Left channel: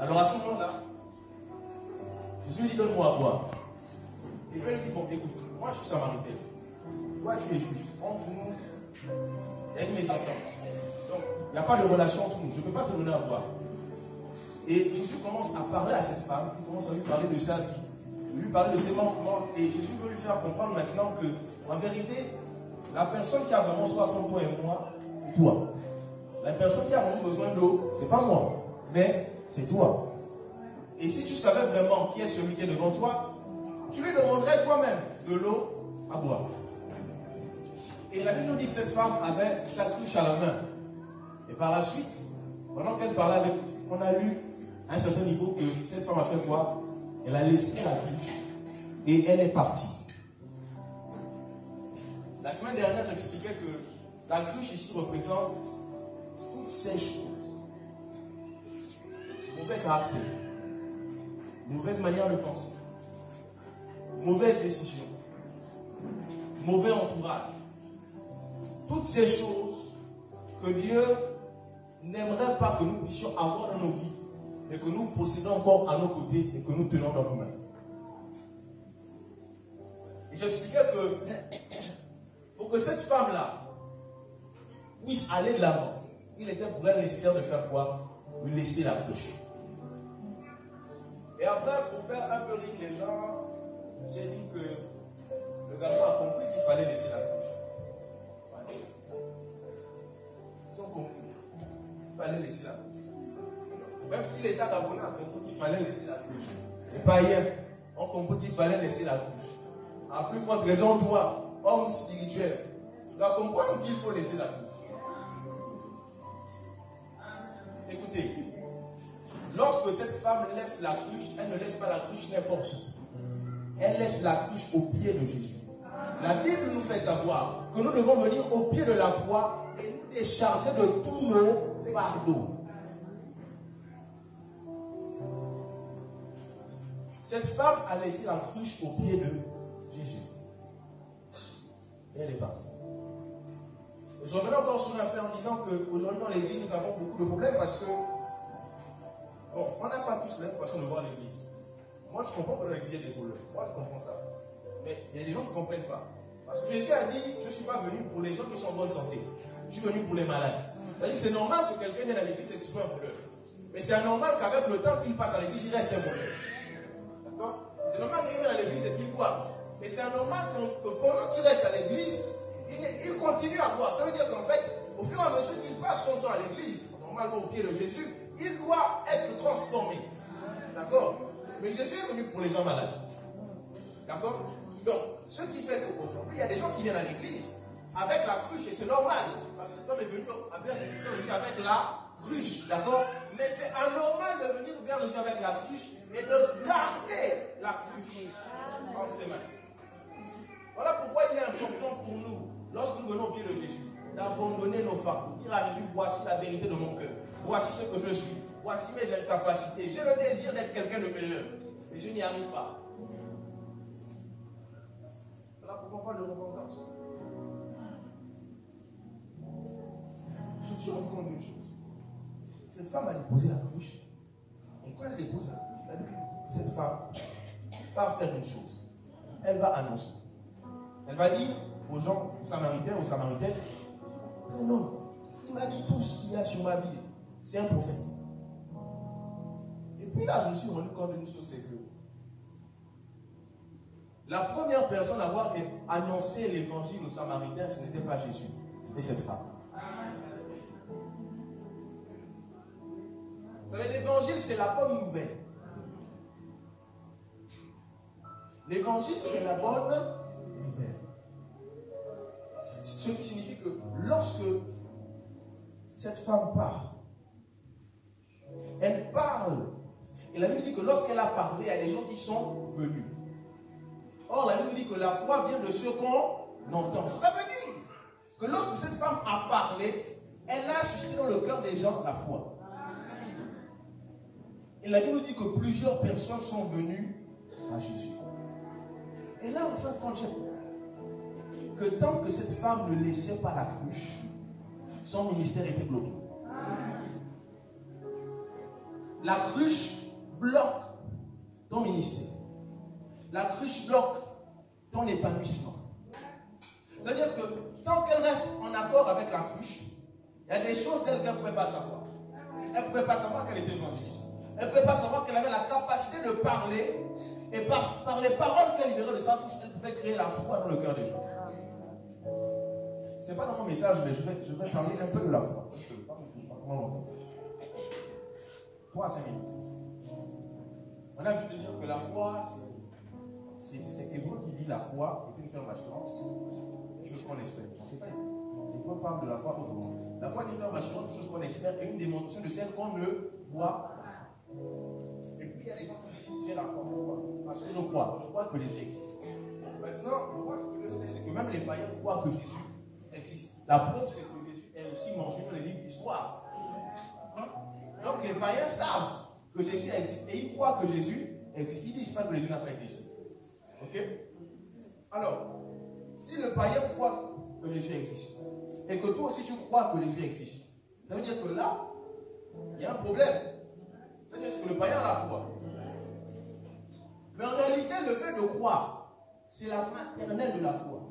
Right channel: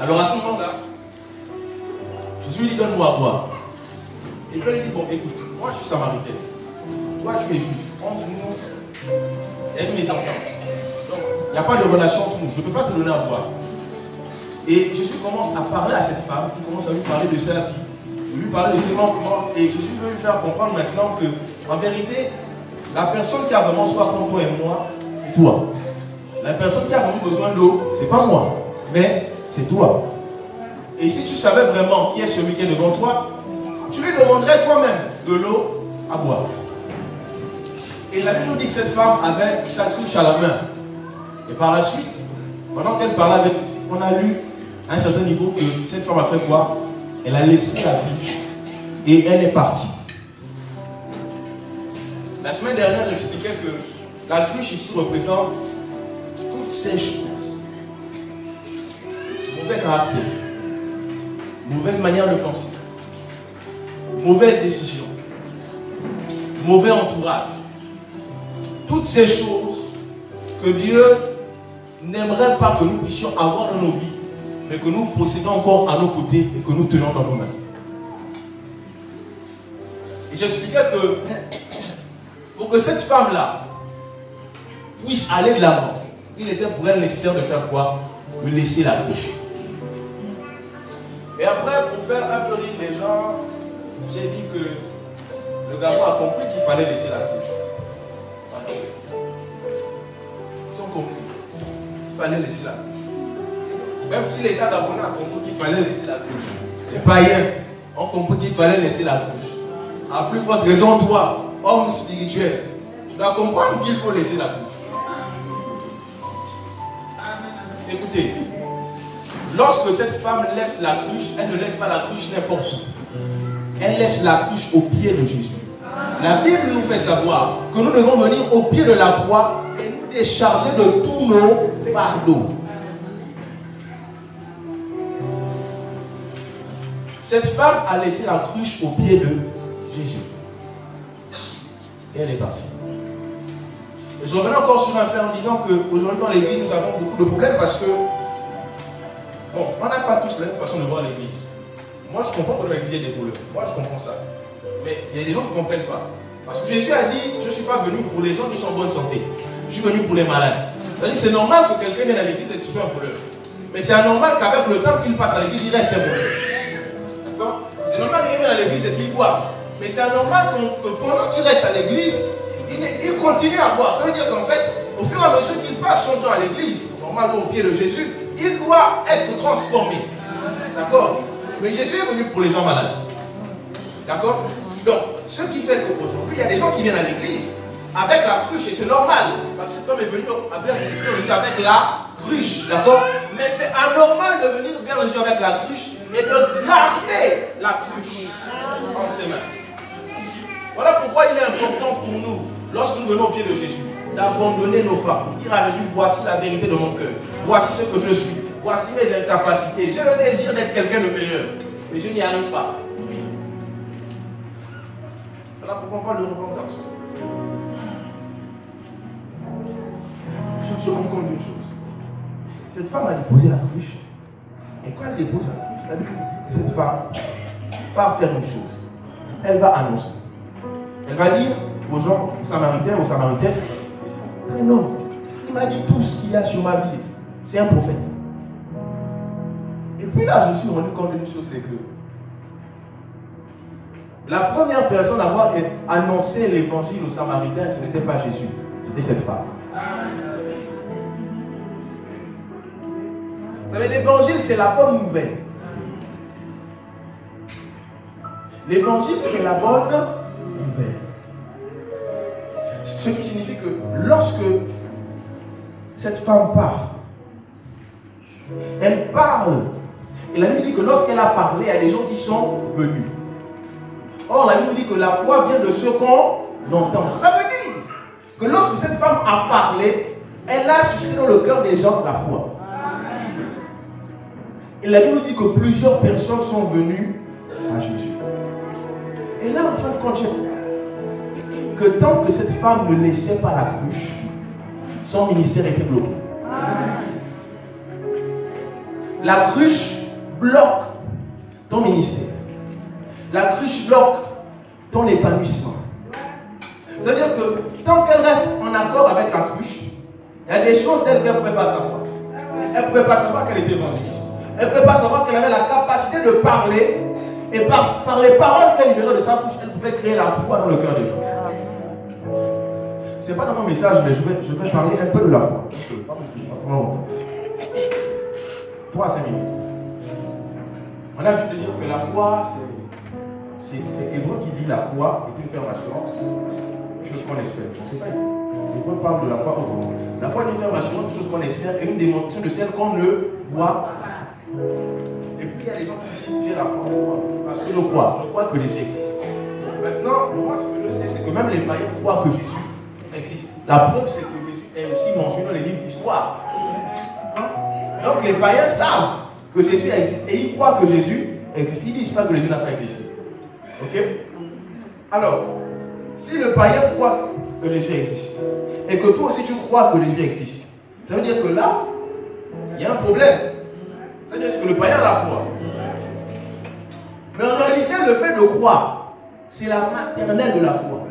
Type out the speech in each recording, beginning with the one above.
Alors à ce moment-là, Jésus lui dit, donne-moi à boire. Et puis il lui dit, bon, écoute, moi je suis samaritain. Toi tu es juif. Entre nous, il y a une mésentente. Donc, il n'y a pas de relation entre nous. Je ne peux pas te donner à boire. Et Jésus commence à parler à cette femme. Il commence à lui parler de sa vie. Lui parler de ses manquements. Et Jésus veut lui faire comprendre maintenant que, en vérité, la personne qui a vraiment soif entre toi et moi, c'est toi. La personne qui a vraiment besoin d'eau, c'est pas moi, mais c'est toi. Et si tu savais vraiment qui est celui qui est devant toi, tu lui demanderais toi-même de l'eau à boire. Et la Bible nous dit que cette femme avait sa cruche à la main. Et par la suite, pendant qu'elle parlait avec lui, on a lu à un certain niveau que cette femme a fait quoi? Elle a laissé la cruche et elle est partie. La semaine dernière, j'expliquais que la cruche ici représente toutes ces choses. Mauvais caractère, mauvaise manière de penser, mauvaise décision, mauvais entourage. Toutes ces choses que Dieu n'aimerait pas que nous puissions avoir dans nos vies, mais que nous possédons encore à nos côtés et que nous tenons dans nos mains. Et j'expliquais que pour que cette femme-là puisse aller de l'avant, il était pour elle nécessaire de faire quoi? De laisser la cruche. Et après, pour faire un peu rire les gens, j'ai dit que le garçon a compris qu'il fallait laisser la cruche. Ils ont compris qu'il fallait laisser la cruche. Même si l'État gabonais a compris qu'il fallait laisser la cruche. Les païens ont compris qu'il fallait laisser la cruche. À plus forte raison, toi, homme spirituel, tu dois comprendre qu'il faut laisser la cruche. Écoutez, lorsque cette femme laisse la cruche, elle ne laisse pas la cruche n'importe où. Elle laisse la cruche au pied de Jésus. La Bible nous fait savoir que nous devons venir au pied de la croix et nous décharger de tous nos fardeaux. Cette femme a laissé la cruche au pied de Jésus. Et elle est partie. Et je reviens encore sur un fait en disant qu'aujourd'hui dans l'église, nous avons beaucoup de problèmes parce que, bon, on n'a pas tous la même façon de voir l'église. Moi, je comprends que dans l'église, il y a des voleurs. Moi, je comprends ça. Mais il y a des gens qui ne comprennent pas. Parce que Jésus a dit, je ne suis pas venu pour les gens qui sont en bonne santé. Je suis venu pour les malades. C'est-à-dire que c'est normal que quelqu'un vienne à l'église et que ce soit un voleur. Mais c'est anormal qu'avec le temps qu'il passe à l'église, il reste un voleur. D'accord? C'est normal qu'il vienne à l'église et qu'il boive. Mais c'est anormal que pendant qu'il reste à l'église, il continue à boire. Ça veut dire qu'en fait, au fur et à mesure qu'il passe son temps à l'église, normalement au pied de Jésus, il doit être transformé. D'accord? Mais Jésus est venu pour les gens malades. D'accord? Donc, ce qui fait qu'aujourd'hui, il y a des gens qui viennent à l'église avec la cruche, et c'est normal, parce que cet homme est venu avec la cruche, d'accord? Mais c'est anormal de venir vers Jésus avec la cruche et de garder la cruche entre ses mains. Voilà pourquoi il est important pour nous, lorsque nous venons au pied de Jésus, d'abandonner nos fardeaux, dire à Jésus, voici la vérité de mon cœur, voici ce que je suis, voici mes incapacités, j'ai le désir d'être quelqu'un de meilleur, mais je n'y arrive pas. Voilà pourquoi on parle de repentance. Je me suis rendu compte d'une chose. Cette femme a déposé la cruche, et quand elle dépose la cruche, la Bible dit que cette femme va faire une chose. Elle va annoncer. Elle va dire aux gens, aux Samaritains, aux Samaritaines, un homme, il m'a dit tout ce qu'il y a sur ma vie. C'est un prophète. Et puis là, je me suis rendu compte d'une chose, c'est que la première personne à avoir annoncé l'évangile aux Samaritains, ce n'était pas Jésus, c'était cette femme. Vous savez, l'évangile, c'est la bonne nouvelle. L'évangile, c'est la bonne nouvelle. Ce qui signifie que lorsque cette femme parle, elle parle. Et la Bible dit que lorsqu'elle a parlé, il y a des gens qui sont venus. Or, la Bible dit que la foi vient de ce qu'on entend. Ça veut dire que lorsque cette femme a parlé, elle a suscité dans le cœur des gens la foi. Et la Bible dit que plusieurs personnes sont venues à Jésus. Et là, en fin de compte, que tant que cette femme ne laissait pas la cruche, son ministère était bloqué. La cruche bloque ton ministère. La cruche bloque ton épanouissement. C'est-à-dire que tant qu'elle reste en accord avec la cruche, il y a des choses telles qu'elle ne pouvait pas savoir. Elle ne pouvait pas savoir qu'elle était évangéliste. Elle ne pouvait pas savoir qu'elle avait la capacité de parler. Et par les paroles qu'elle libérait de sa bouche, elle pouvait créer la foi dans le cœur des gens. Ce n'est pas dans mon message, mais je vais parler un peu de la foi. Pas longtemps. 3 à 5 minutes. On a l'habitude de dire que la foi, c'est Hébreu qui dit la foi est une ferme assurance, une chose qu'on espère. On ne sait pas. Hébreu parle de la foi autrement. La foi est une ferme assurance, une chose qu'on espère, et une démonstration de celle qu'on ne voit pas. Et puis il y a des gens qui disent j'ai la foi parce que je crois que Jésus existe. Maintenant, moi ce que je sais, c'est que même les païens croient que Jésus existe. La preuve, c'est que Jésus est aussi mentionné dans les livres d'histoire. Donc les païens savent que Jésus existe et ils croient que Jésus existe. Ils ne disent pas que Jésus n'a pas existé. Ok? Alors, si le païen croit que Jésus existe et que toi aussi tu crois que Jésus existe, ça veut dire que là, il y a un problème. C'est-à-dire que le païen a la foi. Mais en réalité, le fait de croire, c'est la maternelle de la foi.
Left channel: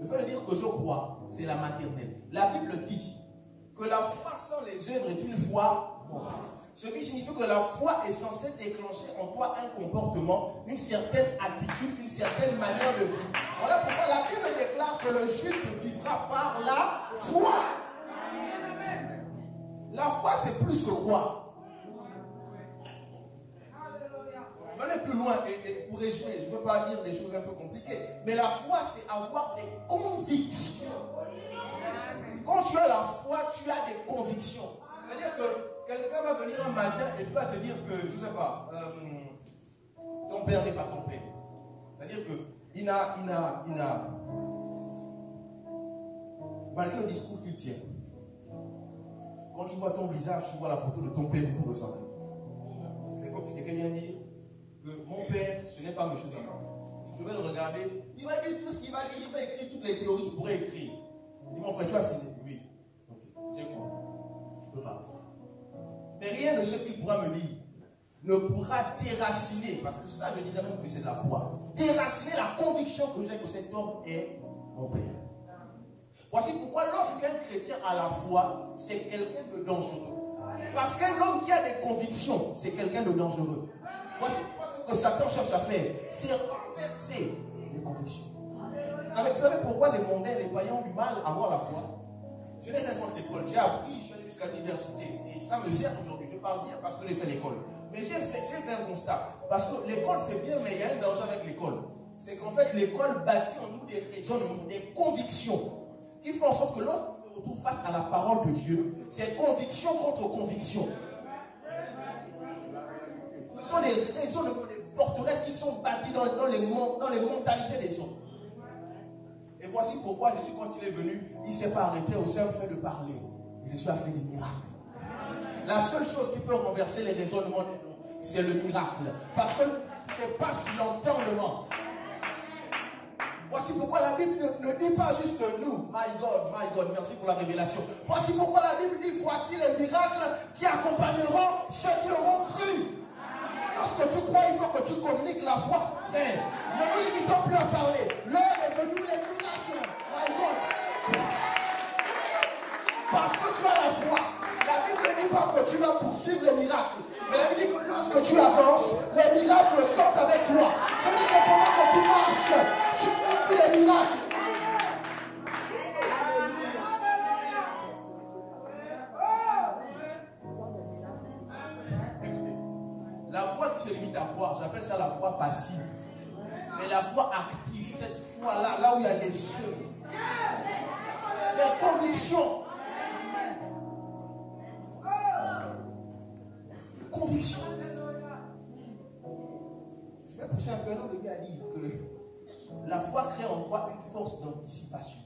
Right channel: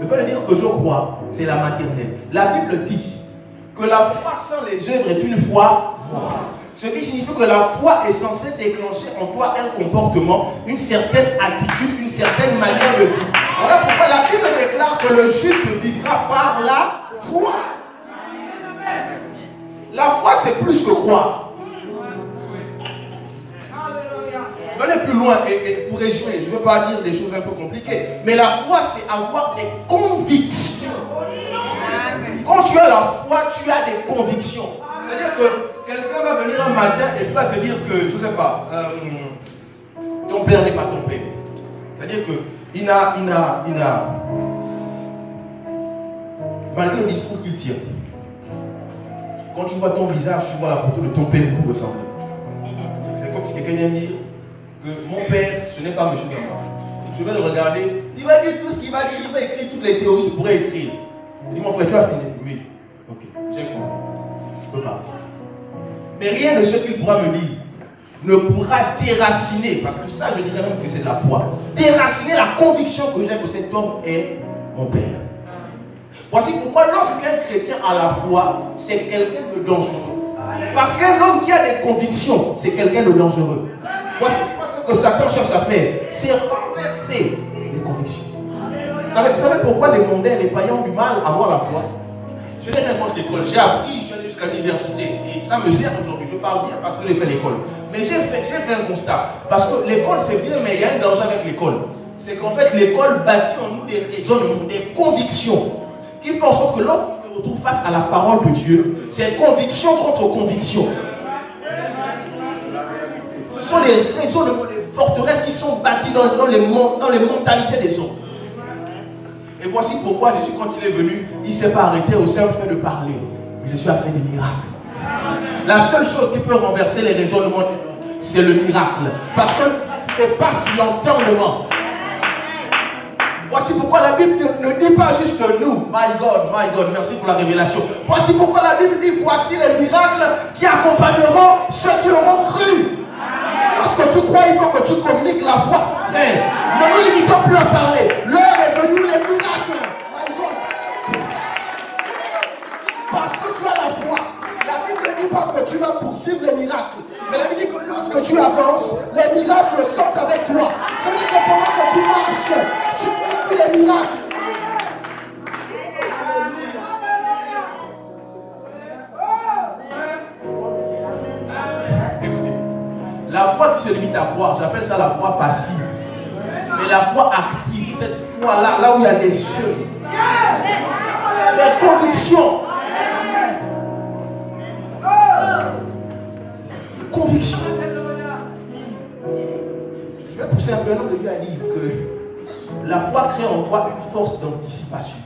Le fait de dire que je crois, c'est la maternelle. La Bible dit que la foi sans les œuvres est une foi morte. Ce qui signifie que la foi est censée déclencher en toi un comportement, une certaine attitude, une certaine manière de vivre. Voilà pourquoi la Bible déclare que le juste vivra par la foi. La foi, c'est plus que croire. Je vais aller plus loin et pour résumer, je ne veux pas dire des choses un peu compliquées, mais la foi, c'est avoir des convictions. Quand tu as la foi, tu as des convictions. C'est-à-dire que quelqu'un va venir un matin et va te dire que, je ne sais pas, ton père n'est pas ton père. C'est-à-dire que malgré le discours qu'il tient, quand tu vois ton visage, tu vois la photo de ton père, vous ressemblez. C'est comme si quelqu'un vient dire que mon père, ce n'est pas M. Damba. Je vais le regarder, il va dire tout ce qu'il va dire, il va écrire toutes les théories qu'il pourrait écrire. Il dit, mon frère, tu as fini? Oui. Ok, j'ai compris. Je peux partir. Mais rien de ce qu'il pourra me dire ne pourra déraciner, parce que ça, je dirais même que c'est de la foi, déraciner la conviction que j'ai que cet homme est mon père. Voici pourquoi lorsqu'un chrétien a la foi, c'est quelqu'un de dangereux. Parce qu'un homme qui a des convictions, c'est quelqu'un de dangereux. Voici pourquoi ce que Satan cherche à faire, c'est renverser les convictions. Vous savez pourquoi les mondains, les païens ont du mal à avoir la foi? Je n'ai rien contre l'école. J'ai appris, je suis allé jusqu'à l'université. Et ça me sert aujourd'hui. Je parle bien parce que j'ai fait l'école. Mais j'ai fait un constat. Parce que l'école, c'est bien, mais il y a un danger avec l'école. C'est qu'en fait, l'école bâtit en nous des raisonnements, des convictions qui font en sorte que lorsqu'on se retrouve face à la parole de Dieu, c'est conviction contre conviction. Ce sont les raisonnements, les forteresses qui sont bâties dans les mentalités des hommes. Et voici pourquoi Jésus, quand il est venu, il ne s'est pas arrêté au simple fait de parler. Mais Jésus a fait des miracles. La seule chose qui peut renverser les raisonnements des hommes, c'est le miracle. Parce que ne dépasse l'entendement. Voici pourquoi la Bible ne dit pas juste nous. My God, merci pour la révélation. Voici pourquoi la Bible dit, voici les miracles qui accompagneront ceux qui auront cru. Lorsque tu crois, il faut que tu communiques la foi. Frère, ne nous limitons plus à parler. L'heure est venue, les miracles. My God. Parce que tu as la foi. La Bible ne dit pas que tu vas poursuivre les miracles. Mais la Bible dit que lorsque tu avances, les miracles sortent avec toi. Ça veut dire que pendant que tu marches, tu fais les miracles. Écoutez, la foi qui se limite à croire, j'appelle ça la foi passive. Mais la foi active, c'est cette foi-là, là où il y a les yeux, les convictions. Conviction. Je vais pousser un peu l'homme de Dieu à dire que la foi crée en toi une force d'anticipation.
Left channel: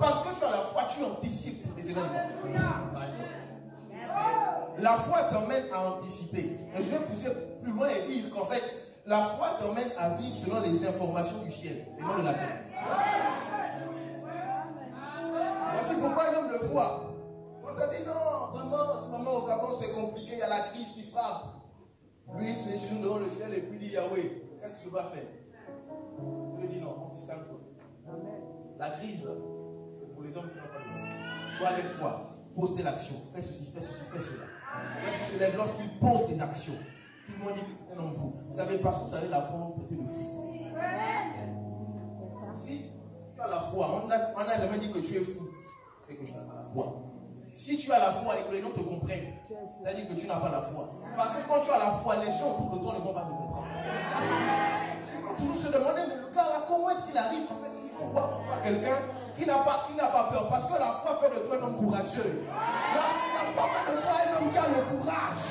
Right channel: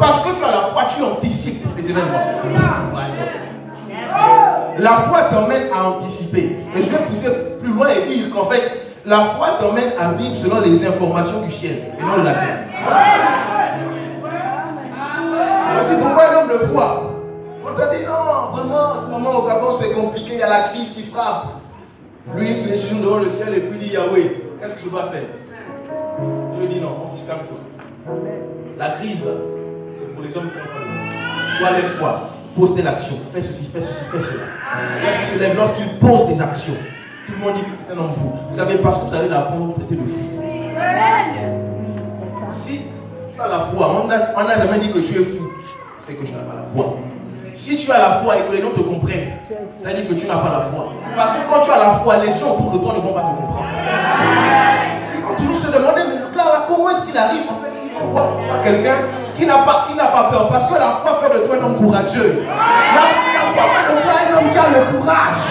Parce que tu as la foi, tu anticipes les événements. La foi t'emmène à anticiper. Et je vais pousser plus loin et dire qu'en fait, la foi t'emmène à vivre selon les informations du ciel et non de la terre. Voici pourquoi l'homme de foi, quand On t'a dit non, vraiment, en ce moment au Gabon c'est compliqué, il y a la crise qui frappe. Lui il fait les devant le ciel et puis il dit Yahweh, qu'est-ce que je dois faire? Je lui dis non, mon fils, calme-toi. La crise là, c'est pour les hommes qui n'ont pas de foi. Toi, lève-toi, pose telle action, fais ceci, fais ceci, fais cela. Lorsqu'il se lève, lorsqu'il pose des actions, tout le monde dit que c'est un homme fou. Vous savez, parce que vous avez la foi, vous traitez de fou. Si tu as la foi, on n'a jamais dit que tu es fou, c'est que tu n'as pas la foi. Si tu as la foi et que les gens te comprennent, ça veut dire que tu n'as pas la foi. Parce que quand tu as la foi, les gens autour de toi ne vont pas te comprendre. Ils vont toujours se demander, mais le gars là, comment est-ce qu'il arrive? En fait, on voit quelqu'un qui n'a pas peur. Parce que la foi fait de toi un homme courageux. La foi fait de toi un homme qui a le courage.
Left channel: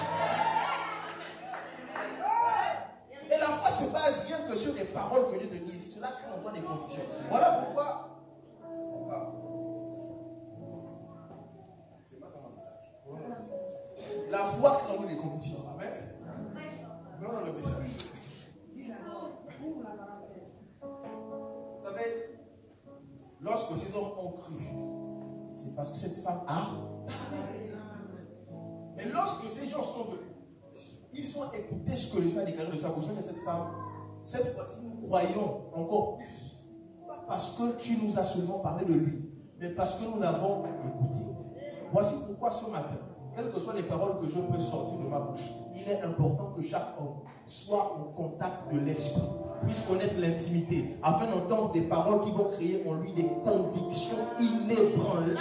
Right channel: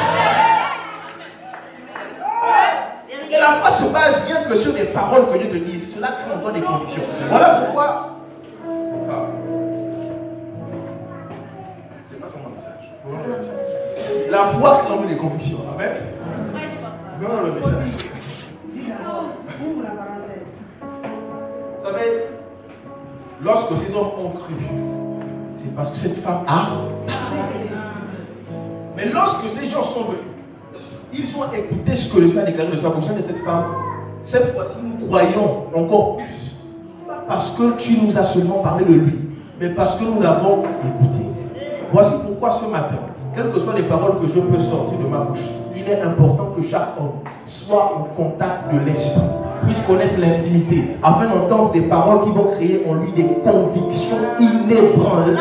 Et la foi se base rien que sur les paroles que Dieu te dit. Cela crée en toi des convictions. Voilà pourquoi. C'est pas ça mon message. La foi crée en nous des convictions. Amen. Voilà le message. Vous savez, lorsque ces hommes ont cru, c'est parce que cette femme a parlé. Mais lorsque ces gens sont venus, ils ont écouté ce que le Seigneur a déclaré de sa bouche de cette femme. Cette fois-ci, nous croyons encore plus. Pas parce que tu nous as seulement parlé de lui, mais parce que nous l'avons écouté. Voici pourquoi ce matin, quelles que soient les paroles que je peux sortir de ma bouche, il est important que chaque homme soit au contact de l'esprit, puisse connaître l'intimité, afin d'entendre des paroles qui vont créer en lui des convictions inébranlables.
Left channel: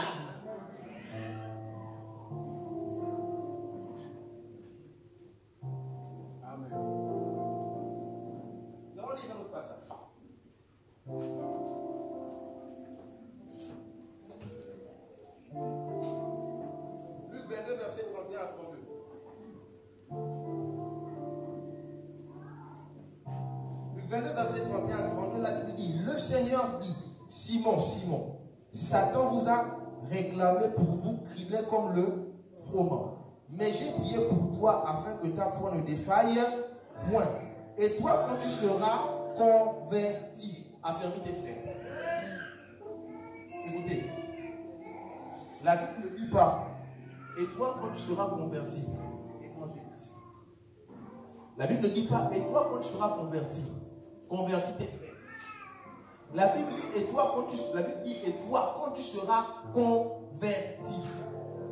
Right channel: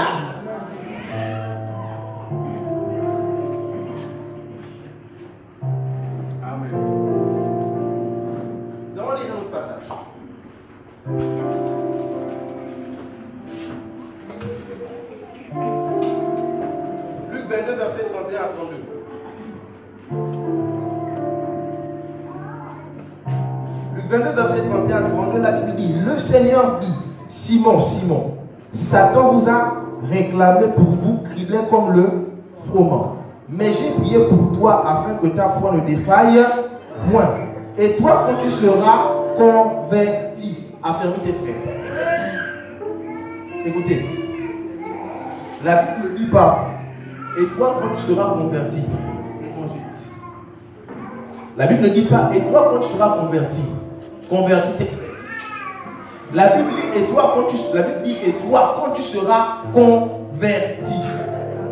Luc 22, verset 31 à 32. Luc 22, verset 31 à 32, la Bible dit, le Seigneur dit, Simon, Simon, Satan vous a réclamé pour vous crier comme le froment. Mais j'ai prié pour toi afin que ta foi ne défaille point. Et toi, quand tu seras converti, affermis tes frères. Écoutez, la Bible ne dit pas, et toi quand tu seras converti, la Bible ne dit pas, et toi quand tu seras converti, convertis tes frères. La Bible dit, et toi quand tu seras converti,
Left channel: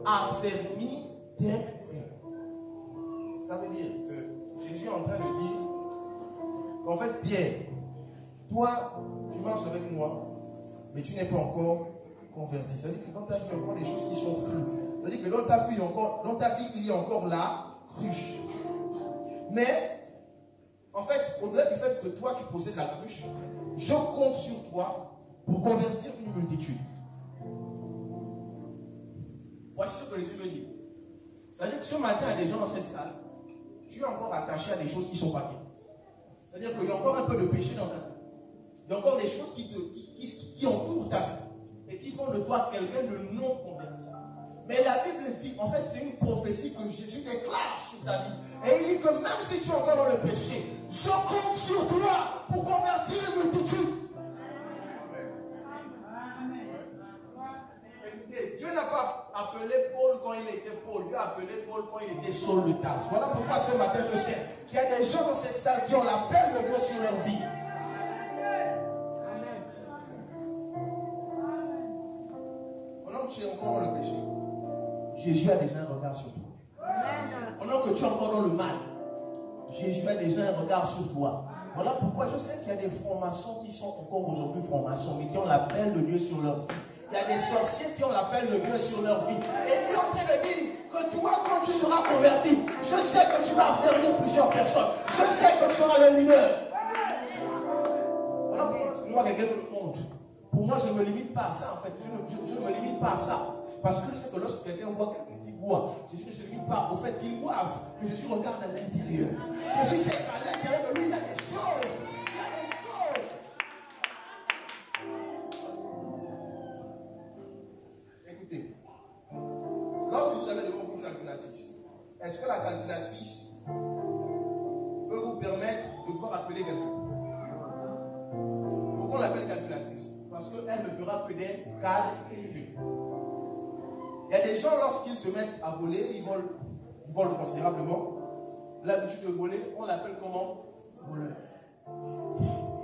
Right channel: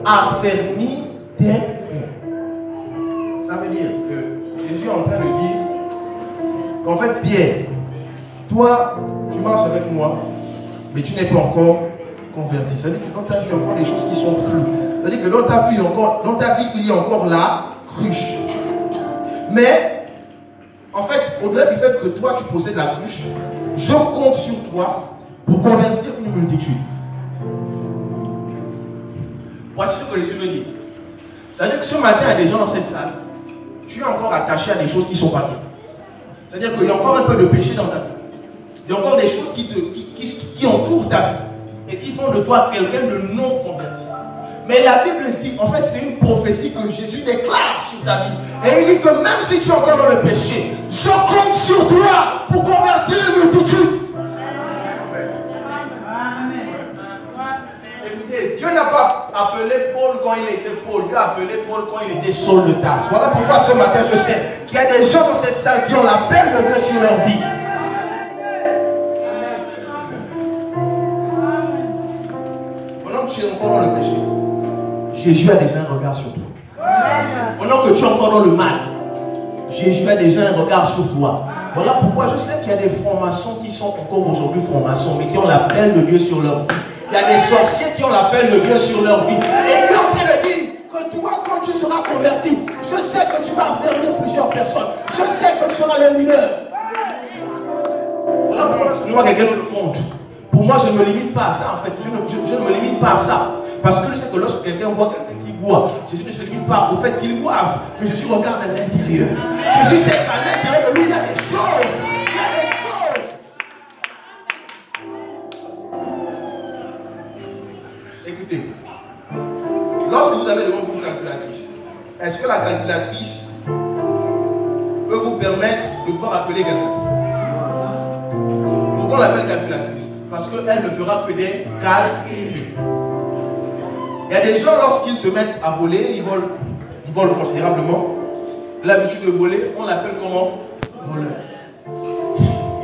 affermis tes frères. Ça veut dire que Jésus est en train de dire qu'en fait, Pierre, toi, tu marches avec moi, mais tu n'es pas encore converti. C'est-à-dire que dans ta vie, il y a encore des choses qui sont floues. C'est-à-dire que dans ta vie, il y a encore la cruche. Mais, en fait, au-delà du fait que toi, tu possèdes la cruche, je compte sur toi pour convertir une multitude. Voici ce que Jésus me dit. C'est-à-dire que ce matin, il y a des gens dans cette salle, tu es encore attaché à des choses qui ne sont pas bien. C'est-à-dire qu'il y a encore un peu de péché dans ta vie. Il y a encore des choses qui entourent ta vie et qui font de toi quelqu'un de non converti. Mais la Bible dit, en fait, c'est une prophétie que Jésus déclare sur ta vie. Et il dit que même si tu es encore dans le péché, je compte sur toi pour convertir une multitude. Écoutez, Dieu n'a pas appelé Paul quand il était Paul. Dieu a appelé Paul quand il était Saul de Tarse. Voilà pourquoi ce matin, je sais qu'il y a des gens dans cette salle qui ont l'appel de Dieu sur leur vie. Pendant que tu es encore dans le péché, Jésus a déjà un regard sur toi. Pendant que tu es encore dans le mal, Jésus a déjà un regard sur toi. Voilà pourquoi je sais qu'il y a des francs-maçons qui sont encore aujourd'hui francs-maçons, mais qui ont l'appel de Dieu sur leur vie. Il y a des sorciers qui ont l'appel de Dieu sur leur vie. Et Dieu est en train de dire que toi, quand tu seras converti, je sais que tu vas affermir plusieurs personnes. Je sais que tu seras le leader. Voilà pourquoi je vois quelqu'un dans le monde. Pour moi, je ne me limite pas à ça, en fait. Je ne me limite pas à ça. Parce que je sais que lorsque quelqu'un voit quelqu'un qui boit, Jésus ne se limite pas au fait qu'il boive, mais Jésus regarde à l'intérieur. Jésus sait qu'à l'intérieur de lui, il y a des choses. Il y a des choses. Écoutez, lorsque vous avez devant vous une calculatrice, est-ce que la calculatrice peut vous permettre de pouvoir appeler quelqu'un? Pourquoi on l'appelle calculatrice? Parce qu'elle ne fera que des calculs. Il y a des gens, lorsqu'ils se mettent à voler, ils volent considérablement. L'habitude de voler, on l'appelle comment? Voleur.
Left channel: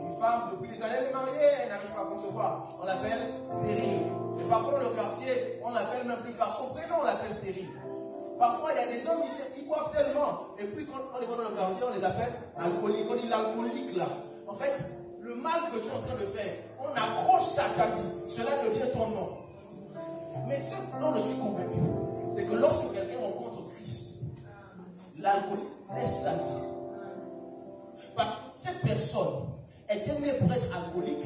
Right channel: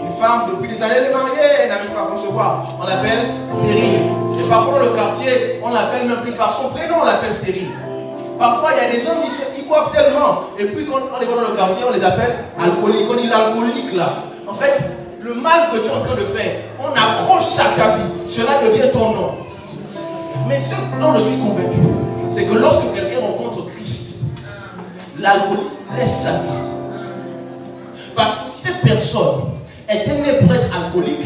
Une femme, depuis des années, elle est mariée, elle n'arrive pas à concevoir. On l'appelle stérile. Et parfois, dans le quartier, on l'appelle même plus par son prénom, on l'appelle stérile. Parfois, il y a des hommes qui boivent tellement. Et puis, quand on les voit dans le quartier, on les appelle alcooliques. On dit l'alcoolique là. En fait, le mal que tu es en train de faire, on accroche à ta vie. Cela devient ton nom. Mais ce dont je suis convaincu, c'est que lorsque quelqu'un rencontre Christ, l'alcoolisme laisse sa vie. Parce que si cette personne était née pour être alcoolique,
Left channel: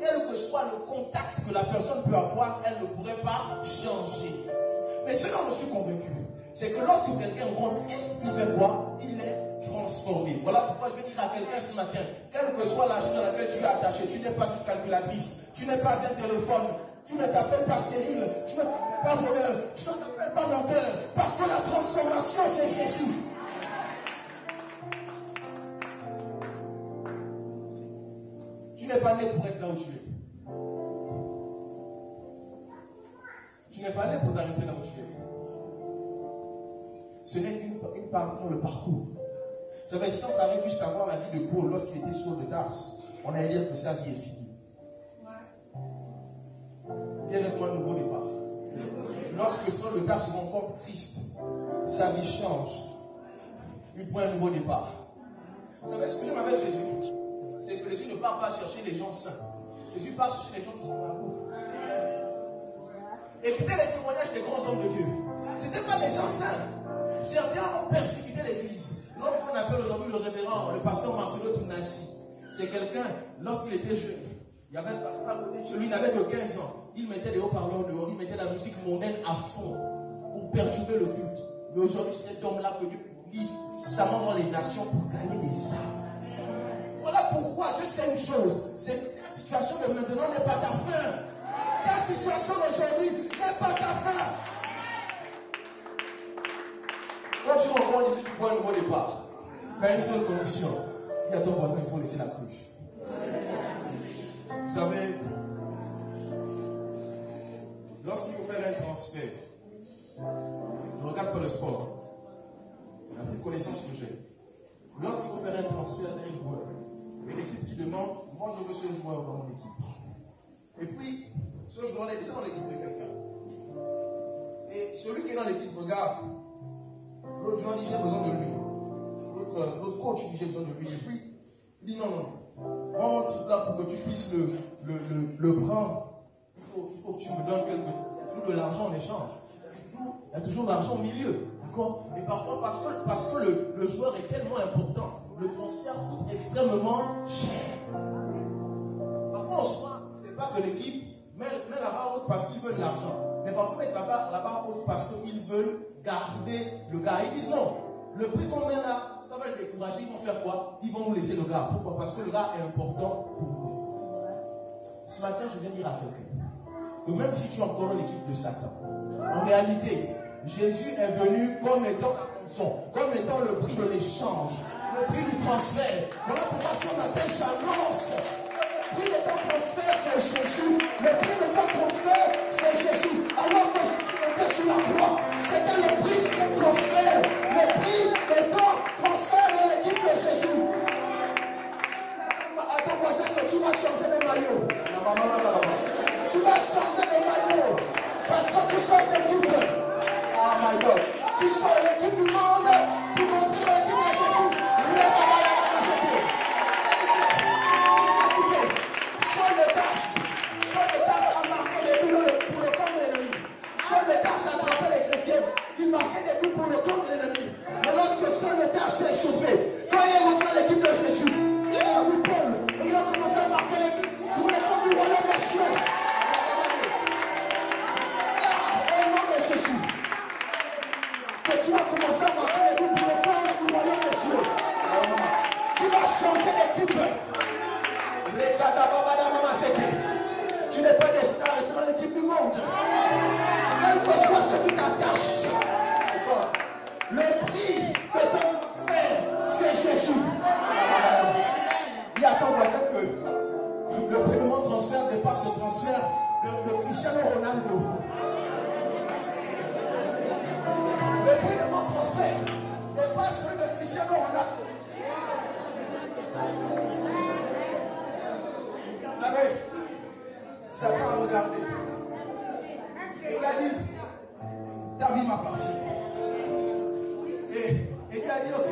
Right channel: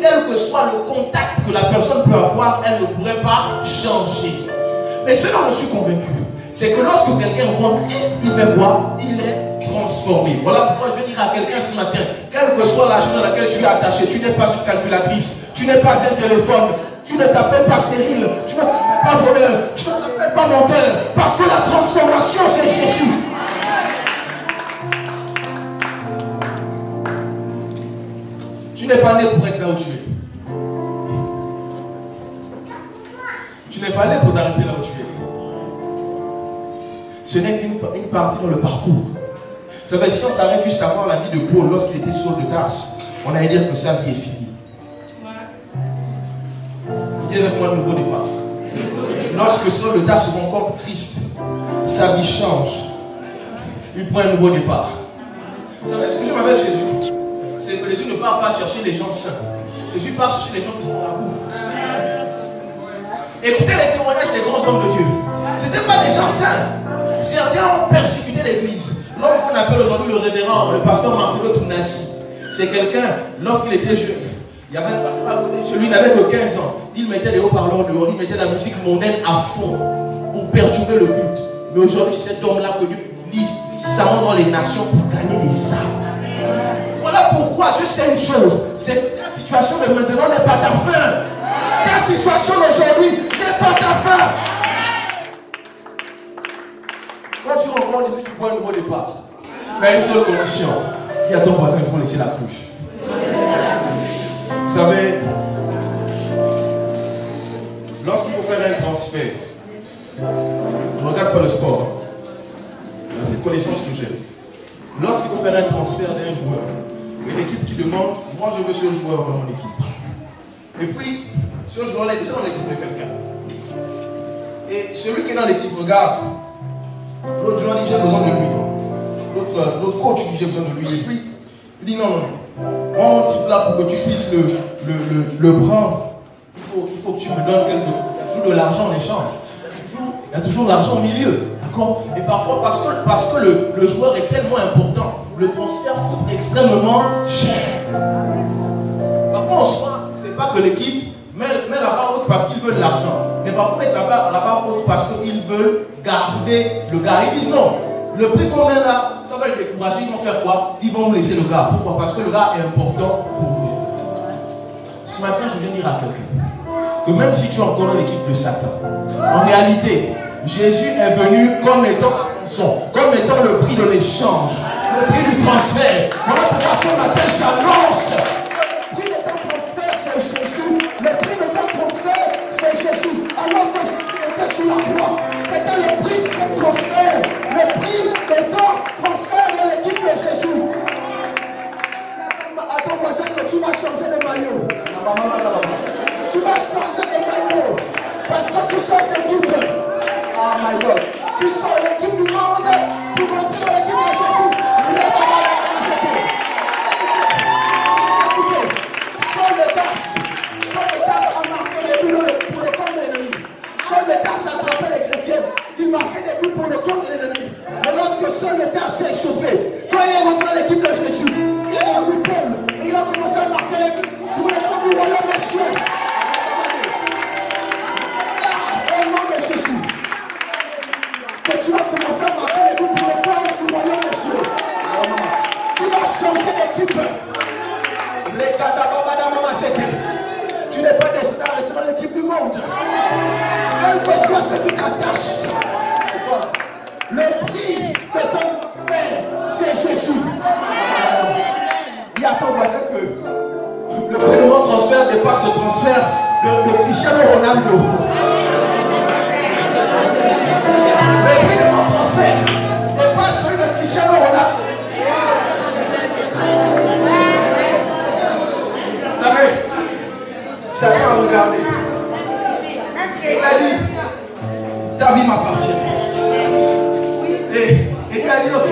quel que soit le contact que la personne peut avoir, elle ne pourrait pas changer. Mais ce dont je suis convaincu, c'est que lorsque quelqu'un rencontre Christ, il fait quoi? Il est transformé. Voilà pourquoi je veux dire à quelqu'un ce matin, quelle que soit la chose à laquelle tu es attaché, tu n'es pas une calculatrice, tu n'es pas un téléphone, tu ne t'appelles pas stérile, tu ne t'appelles pas voleur, tu ne t'appelles pas menteur, parce que la transformation c'est Jésus. Tu n'es pas né pour être là où tu es. Tu n'es pas né pour t'arrêter là où tu es. Ce n'est qu'une partie dans le parcours. Vous savez, si on s'arrête juste à voir la vie de Paul lorsqu'il était Saul de Tarse, on allait dire que sa vie est finie. Il y avait un nouveau départ. Lorsque Saul de Tarse rencontre Christ, sa vie change. Il prend un nouveau départ. Vous savez ce que j'aime avec Jésus? C'est que Jésus ne part pas chercher les gens saints. Jésus part chercher les gens qui sont dans la bouffe. Écoutez les témoignages des grands hommes de Dieu. Ce n'étaient pas des gens saints. Certains ont persécuté l'église. L'homme qu'on appelle aujourd'hui le révérend, le pasteur Marcelo Tounassi, c'est quelqu'un, lorsqu'il était jeune, il y avait un pasteur à côté de chez lui, il n'avait que 15 ans. Il mettait des haut-parleurs dehors, il mettait la musique mondaine à fond pour perturber le culte. Mais aujourd'hui, c'est cet homme-là que Dieu utilise puissamment dans les nations pour gagner des âmes. Voilà pourquoi je sais une chose, c'est que ta situation de maintenant n'est pas ta fin. Ta situation d'aujourd'hui n'est pas ta fin. Quand tu rencontres Jésus, tu prends un nouveau départ. Mais à une seule condition, il y a ton voisin, il faut laisser la cruche. Vous savez, lorsqu'il faut faire un transfert, je ne regarde pas le sport, la petite connaissance que j'ai. Lorsqu'il faut faire un transfert d'un joueur, il y a une équipe qui demande, moi je veux ce joueur dans mon équipe. Et puis, ce joueur-là est déjà dans l'équipe de quelqu'un. Et celui qui est dans l'équipe regarde, l'autre joueur dit j'ai besoin de lui. L'autre coach dit j'ai besoin de lui. Et puis, il dit non, non. Moi, mon type là, pour que tu puisses le prendre, il faut que tu me donnes quelque chose. Il y a toujours de l'argent en échange. Il y a toujours de l'argent au milieu. D'accord? Et parfois, parce que le joueur est tellement important, le transfert coûte extrêmement cher. Parfois, on se c'est pas que l'équipe met la barre haute parce qu'ils veulent de l'argent. Mais parfois, mettre la barre haute parce qu'ils veulent garder le gars. Ils disent non. Le prix qu'on met là, ça va les décourager. Ils vont faire quoi? Ils vont laisser le gars. Pourquoi? Parce que le gars est important pour eux. Ce matin, je viens dire à quelqu'un que même si tu es encore dans l'équipe de Satan, en réalité, Jésus est venu comme étant la rançon, comme étant le prix de l'échange, le prix du transfert. Voilà pourquoi ce matin, j'annonce. Le prix de ton transfert, c'est Jésus. Le prix de ton transfert, c'est Jésus. Alors que j'étais sur la croix, c'était le prix de ton transfert. Le prix de ton transfert de l'équipe de Jésus. À ton voisin que tu vas changer de maillot. Tu vas changer de maillot. Parce que tu changes d'équipe. Oh my God. Tu sors l'équipe du monde pour rentrer dans l'équipe de Jésus. Écoutez, Saul de Tarse a marqué des buts pour le camp de l'ennemi. Saul de Tarse a attrapé les chrétiens. Il marquait des buts pour le camp de l'ennemi. Mais lorsque Saul de Tarse s'est échauffé, quand il est rentré dans l'équipe de Jésus, il est devenu Paul et il a commencé à marquer les buts pour le camp du royaume des cieux. Au nom de Jésus, que tu vas commencer à marquer les buts pour le camp du royaume des cieux. Tu vas changer d'équipe. Tu n'es pas destiné à rester dans l'équipe du monde. Quel que soit ce qui t'attache, le prix de ton frère, c'est Jésus. Dis à ton voisin que le prix de mon transfert dépasse le transfert de Cristiano Ronaldo. prix de mon transfert n'est pas celui de Cristiano Ronaldo. Vous savez, Satan a regardé. Et il a dit, ta vie m'appartient. Et il a dit, ok,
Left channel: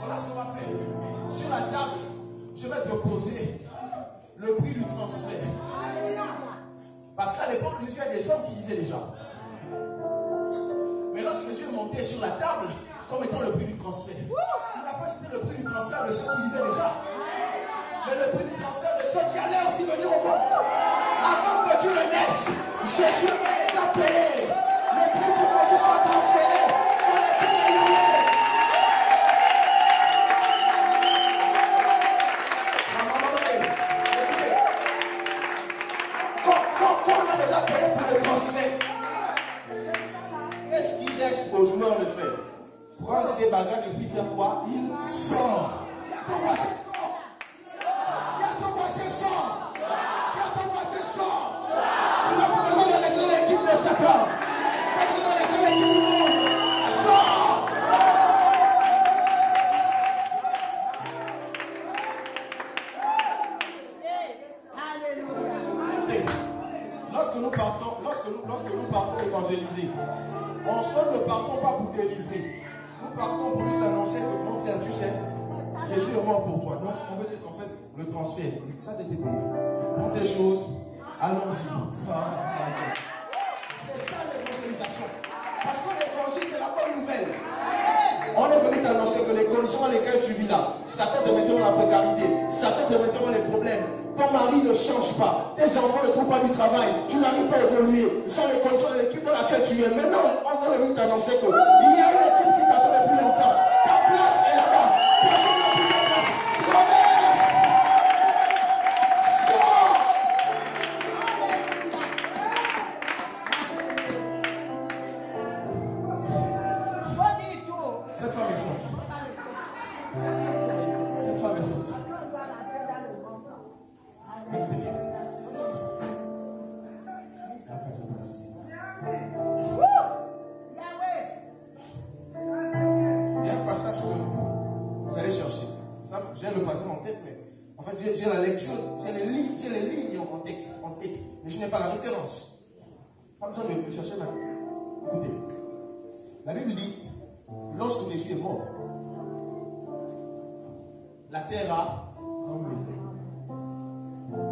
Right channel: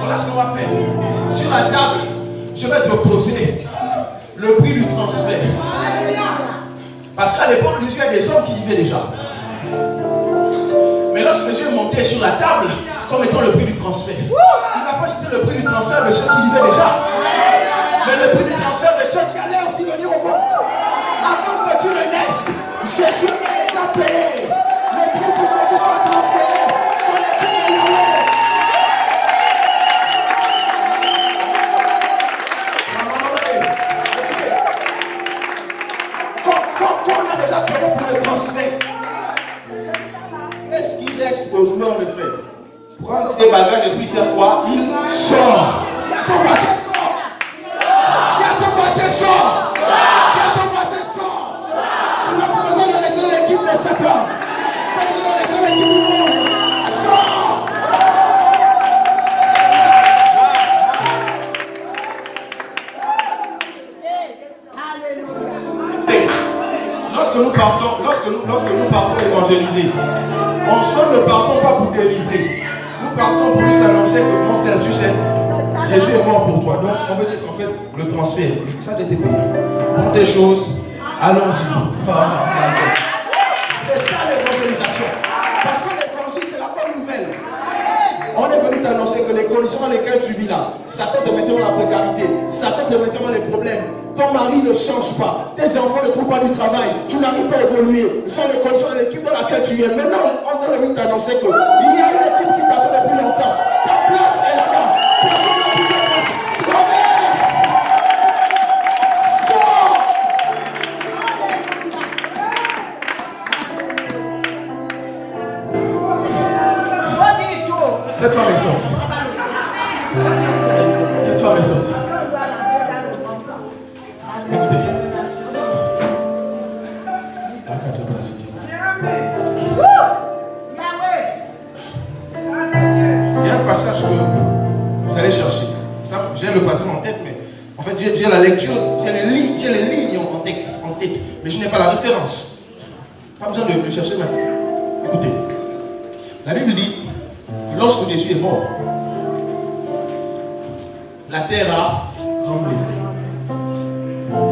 voilà ce qu'on va faire. Sur la table, je vais te poser le prix du transfert. Parce qu'à l'époque, Jésus, il y a des hommes qui vivaient déjà. Mais lorsque Jésus est monté sur la table, comme étant le prix du transfert, il n'a pas cité le prix du transfert de ceux qui vivaient déjà, mais le prix du transfert de ceux qui allaient aussi venir au monde. Avant que tu ne naisses, Jésus t'a payé le prix pour que tu sois transféré dans l'équipe de Yahweh. Quand on a déjà payé pour le transfert, qu'est-ce qu'il reste aux joueurs de faire? Prendre ses bagages et puis faire quoi? Il sort. Ton passé sort. Il y a ton passé sort. Il y a ton passé sort. Tu n'as pas besoin de rester dans l'équipe de Satan. Tu as besoin de rester dans l'équipe du monde. Sors. Lorsque nous partons évangéliser, on ne partons pas pour délivrer. Nous partons pour juste annoncer que mon frère, tu sais, Jésus est mort pour toi. Donc on veut dire qu'en fait, le transfert, ça a été payé. Prends tes choses, allons-y. C'est ça l'évangélisation. Parce que l'évangile, c'est la bonne nouvelle. On est venu t'annoncer que les conditions dans lesquelles tu vis là, Satan te mettra dans la précarité, Satan te mettra dans les problèmes. Ton mari ne change pas, tes enfants ne trouvent pas du travail, tu n'arrives pas à évoluer. Ce sont les conditions de l'équipe dans laquelle tu es. Maintenant, on est venu t'annoncer qu'il y a une équipe qui t'attend depuis longtemps. Ta place est là-bas. Personne n'a plus de place. Traverse. Sors. Cette femme est sortie. Cette femme est sortie. Écoutez. Il y a un passage que vous allez chercher. J'ai le passage en tête, mais en fait j'ai la lecture, j'ai les lignes en tête, mais je n'ai pas la référence. Pas besoin de le chercher maintenant. Écoutez. La Bible dit, lorsque Jésus est mort, la terre a tremblé.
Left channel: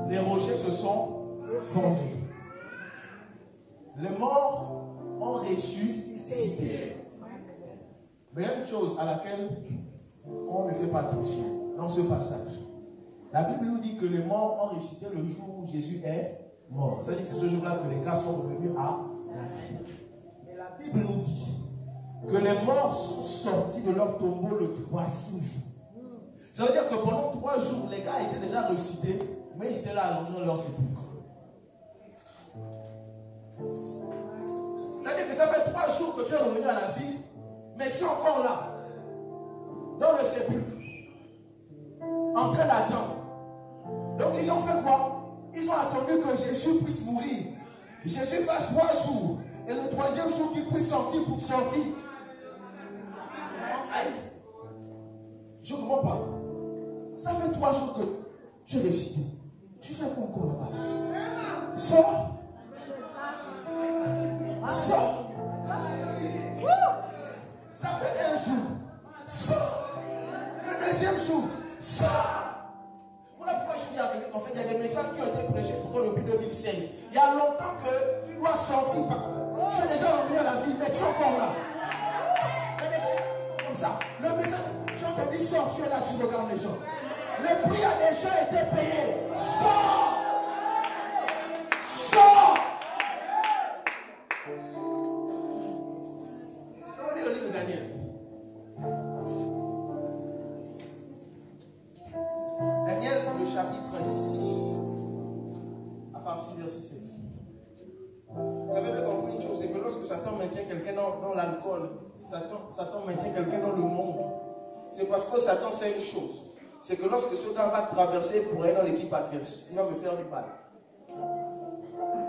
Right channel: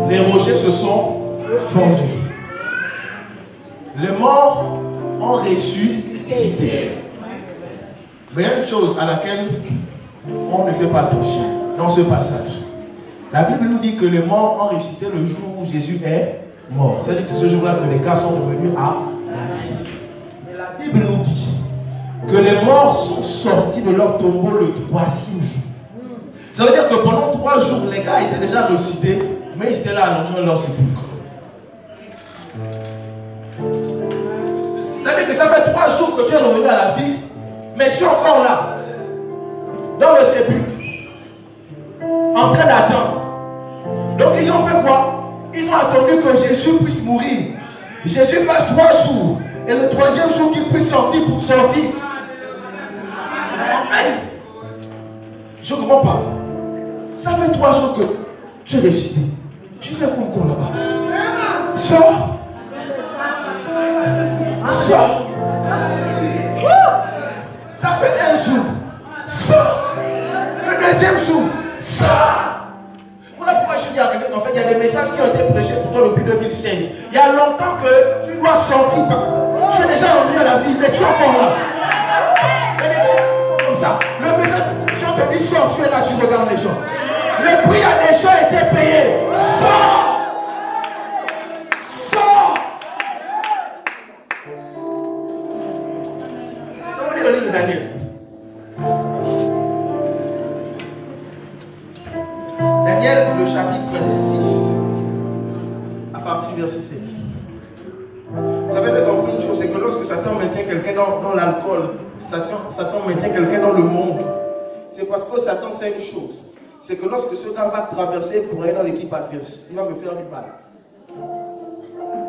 Les rochers se sont fondus. Les morts ont ressuscité. Mais il y a une chose à laquelle on ne fait pas attention dans ce passage. La Bible nous dit que les morts ont ressuscité le jour où Jésus est mort. C'est-à-dire que c'est ce jour-là que les gars sont revenus à la vie. Mais la Bible nous dit que les morts sont sortis de leur tombeau le 3e jour. Ça veut dire que pendant 3 jours, les gars étaient déjà ressuscités, mais ils étaient là allongés dans leur sépulcre. Ça veut dire que ça fait 3 jours que tu es revenu à la vie, mais tu es encore là, dans le sépulcre, en train d'attendre. Donc ils ont fait quoi? Ils ont attendu que Jésus puisse mourir. Jésus fasse 3 jours, et le 3e jour qu'il puisse sortir pour sortir. En fait, je ne comprends pas. Ça fait 3 jours que tu es ressuscité. Tu fais quoi encore là-bas? Sors. Sors. Ça fait 1 jour. Sors. Le 2e jour. Sors. Voilà pourquoi je dis à quelqu'un, en fait, il y a des messages qui ont été prêchés pour toi depuis 2016. Il y a longtemps que tu dois sortir. Tu es déjà revenu à la vie, mais tu es encore là. Comme ça. Le message, si on te dit sors, tu es là, tu regardes les gens. Le prix a déjà été payé. Sors. Sors. On lit le livre de Daniel. Daniel, le chapitre 6, à partir du verset 7. Vous savez, de comprendre une chose, c'est que lorsque Satan maintient quelqu'un dans l'alcool, Satan maintient quelqu'un dans le monde, c'est parce que Satan sait une chose. C'est que lorsque ce gars va traverser pour aller dans l'équipe adverse, il va me faire du mal.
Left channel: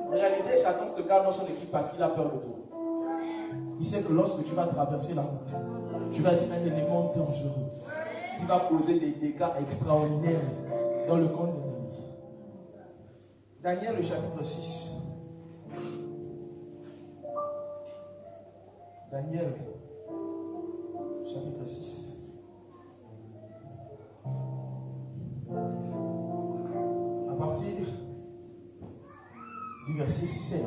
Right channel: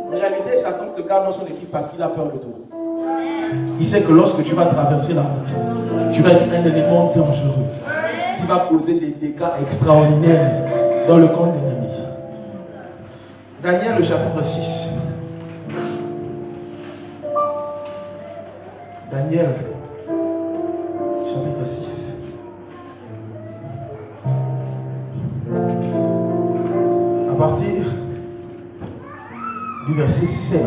En réalité, Satan te garde dans son équipe parce qu'il a peur de toi. il sait que lorsque tu vas traverser la route, tu vas être un élément dangereux qui va causer des dégâts extraordinaires dans le camp de l'ennemi. Daniel, le chapitre 6. Daniel, chapitre 6. À partir du verset 16.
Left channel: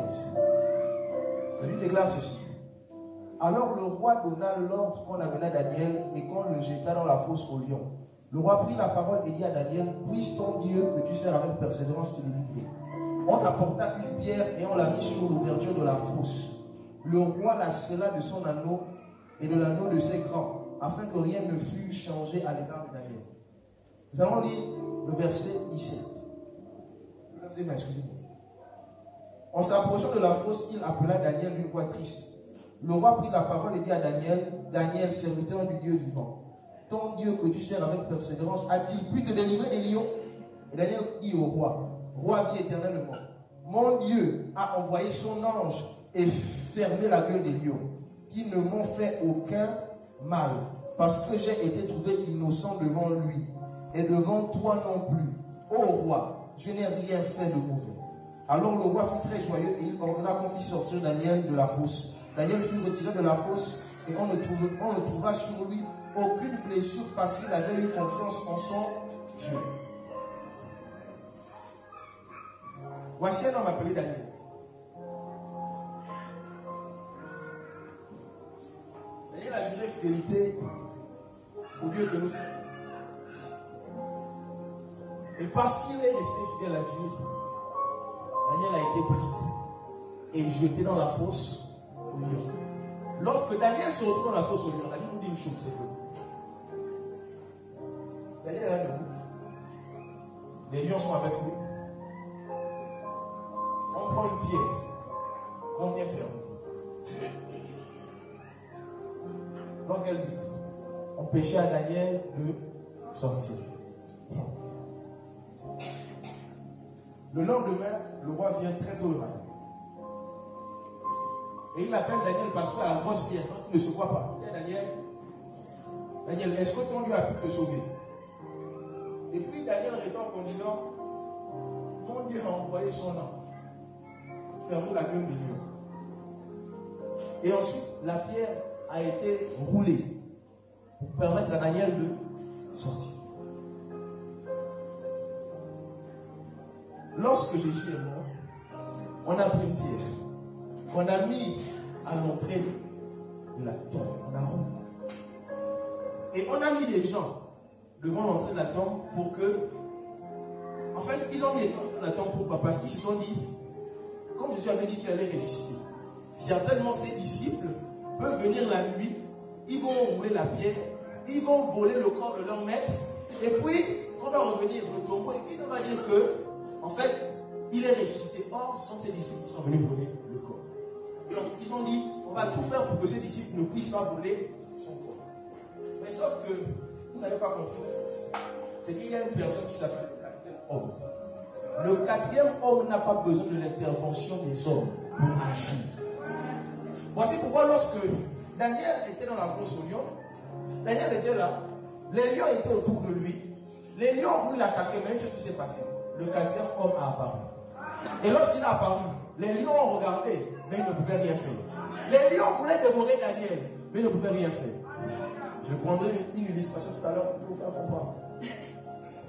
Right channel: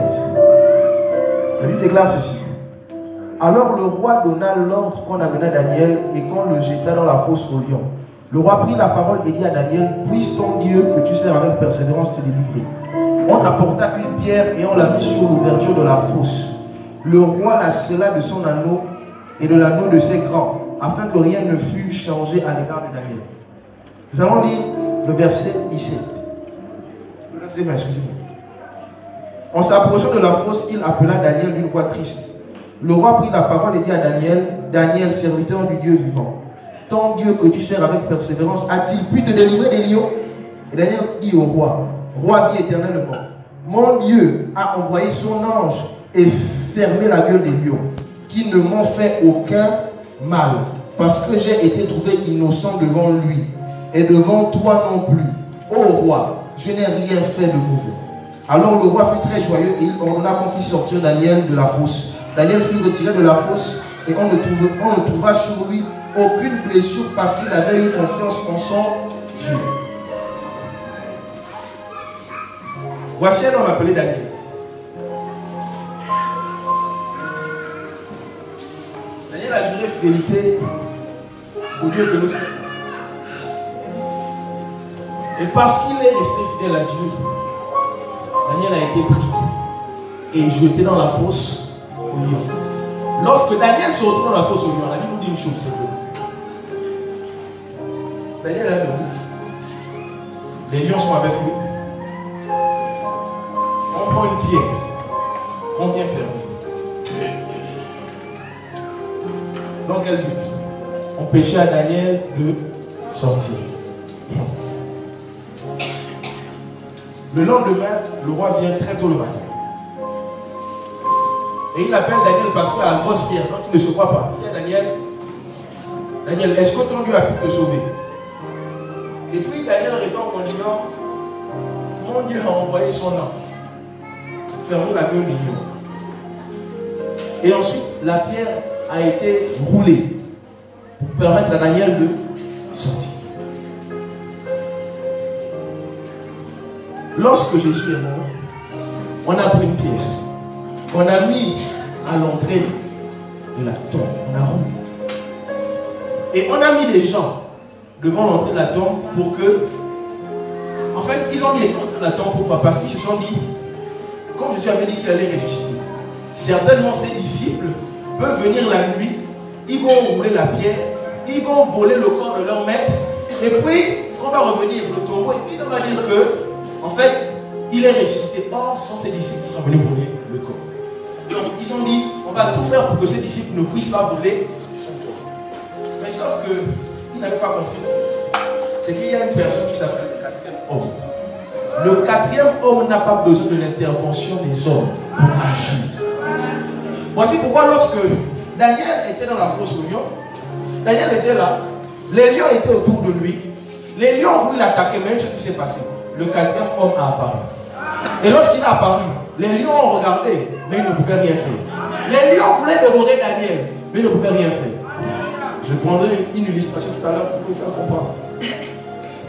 La Bible déclare ceci. Alors le roi donna l'ordre qu'on amena Daniel et qu'on le jeta dans la fosse au lion. Le roi prit la parole et dit à Daniel, puisse ton Dieu que tu sers avec persévérance te délivrer. On apporta une pierre et on la mit sur l'ouverture de la fosse. Le roi la scella de son anneau et de l'anneau de ses grands, afin que rien ne fût changé à l'égard de Daniel. Nous allons lire le verset 17. Excusez-moi. En s'approchant de la fosse, il appela Daniel d'une voix triste. Le roi prit la parole et dit à Daniel, Daniel, serviteur du Dieu vivant, ton Dieu que tu sers avec persévérance, a-t-il pu te délivrer des lions? Et Daniel dit au roi, roi vit éternellement, mon Dieu a envoyé son ange et fermé la gueule des lions, qui ne m'ont fait aucun mal, parce que j'ai été trouvé innocent devant lui, et devant toi non plus. Ô roi, je n'ai rien fait de mauvais. Alors le roi fut très joyeux et il ordonna qu'on fît sortir Daniel de la fosse. Daniel fut retiré de la fosse et on ne trouva sur lui aucune blessure parce qu'il avait eu confiance en son Dieu. Voici un homme appelé Daniel. Daniel a juré fidélité au Dieu que nous servons. Et parce qu'il est resté fidèle à Dieu, Daniel a été pris et jeté dans la fosse au lion. Lorsque Daniel se retrouve dans la fosse au lion, la Bible nous dit une chose, c'est que Daniel est debout. Les lions sont avec lui. On prend une pierre qu'on vient fermer. Dans quel but? On péchait à Daniel de sortir. Le lendemain, le roi vient très tôt le matin. Et il appelle Daniel parce qu'il a la grosse pierre, donc il ne se croit pas. Il dit à Daniel, Daniel, est-ce que ton Dieu a pu te sauver? Et puis Daniel rétorque en disant, mon Dieu a envoyé son ange, fermer la gueule des lions. Et ensuite, la pierre a été roulée pour permettre à Daniel de sortir. Lorsque Jésus est mort, on a pris une pierre, on a mis à l'entrée de la tombe, on a roulé. Et on a mis des gens devant l'entrée de la tombe pour que, en fait, ils ont mis les gens de la tombe pourquoi? Parce qu'ils se sont dit, comme Jésus avait dit qu'il allait ressusciter, certainement ses disciples peuvent venir la nuit, ils vont rouler la pierre, ils vont voler le corps de leur maître, et puis, quand on va revenir le tombeau, et puis on va dire que, en fait, il est ressuscité. Or, ce sont ses disciples qui sont venus voler le corps. Donc, ils ont dit, on va tout faire pour que ces disciples ne puissent pas voler son corps. Mais sauf qu'ils n'avaient pas compris. C'est qu'il y a une personne qui s'appelle le quatrième homme. Le quatrième homme n'a pas besoin de l'intervention des hommes pour agir. Voici pourquoi lorsque Daniel était dans la fosse aux lions, Daniel était là, les lions étaient autour de lui, les lions ont voulu l'attaquer, mais une chose qui s'est passée. Le quatrième homme a apparu. Et lorsqu'il a apparu, les lions ont regardé, mais ils ne pouvaient rien faire. Les lions voulaient dévorer Daniel, mais ils ne pouvaient rien faire. Je prendrai une illustration tout à l'heure pour vous faire comprendre.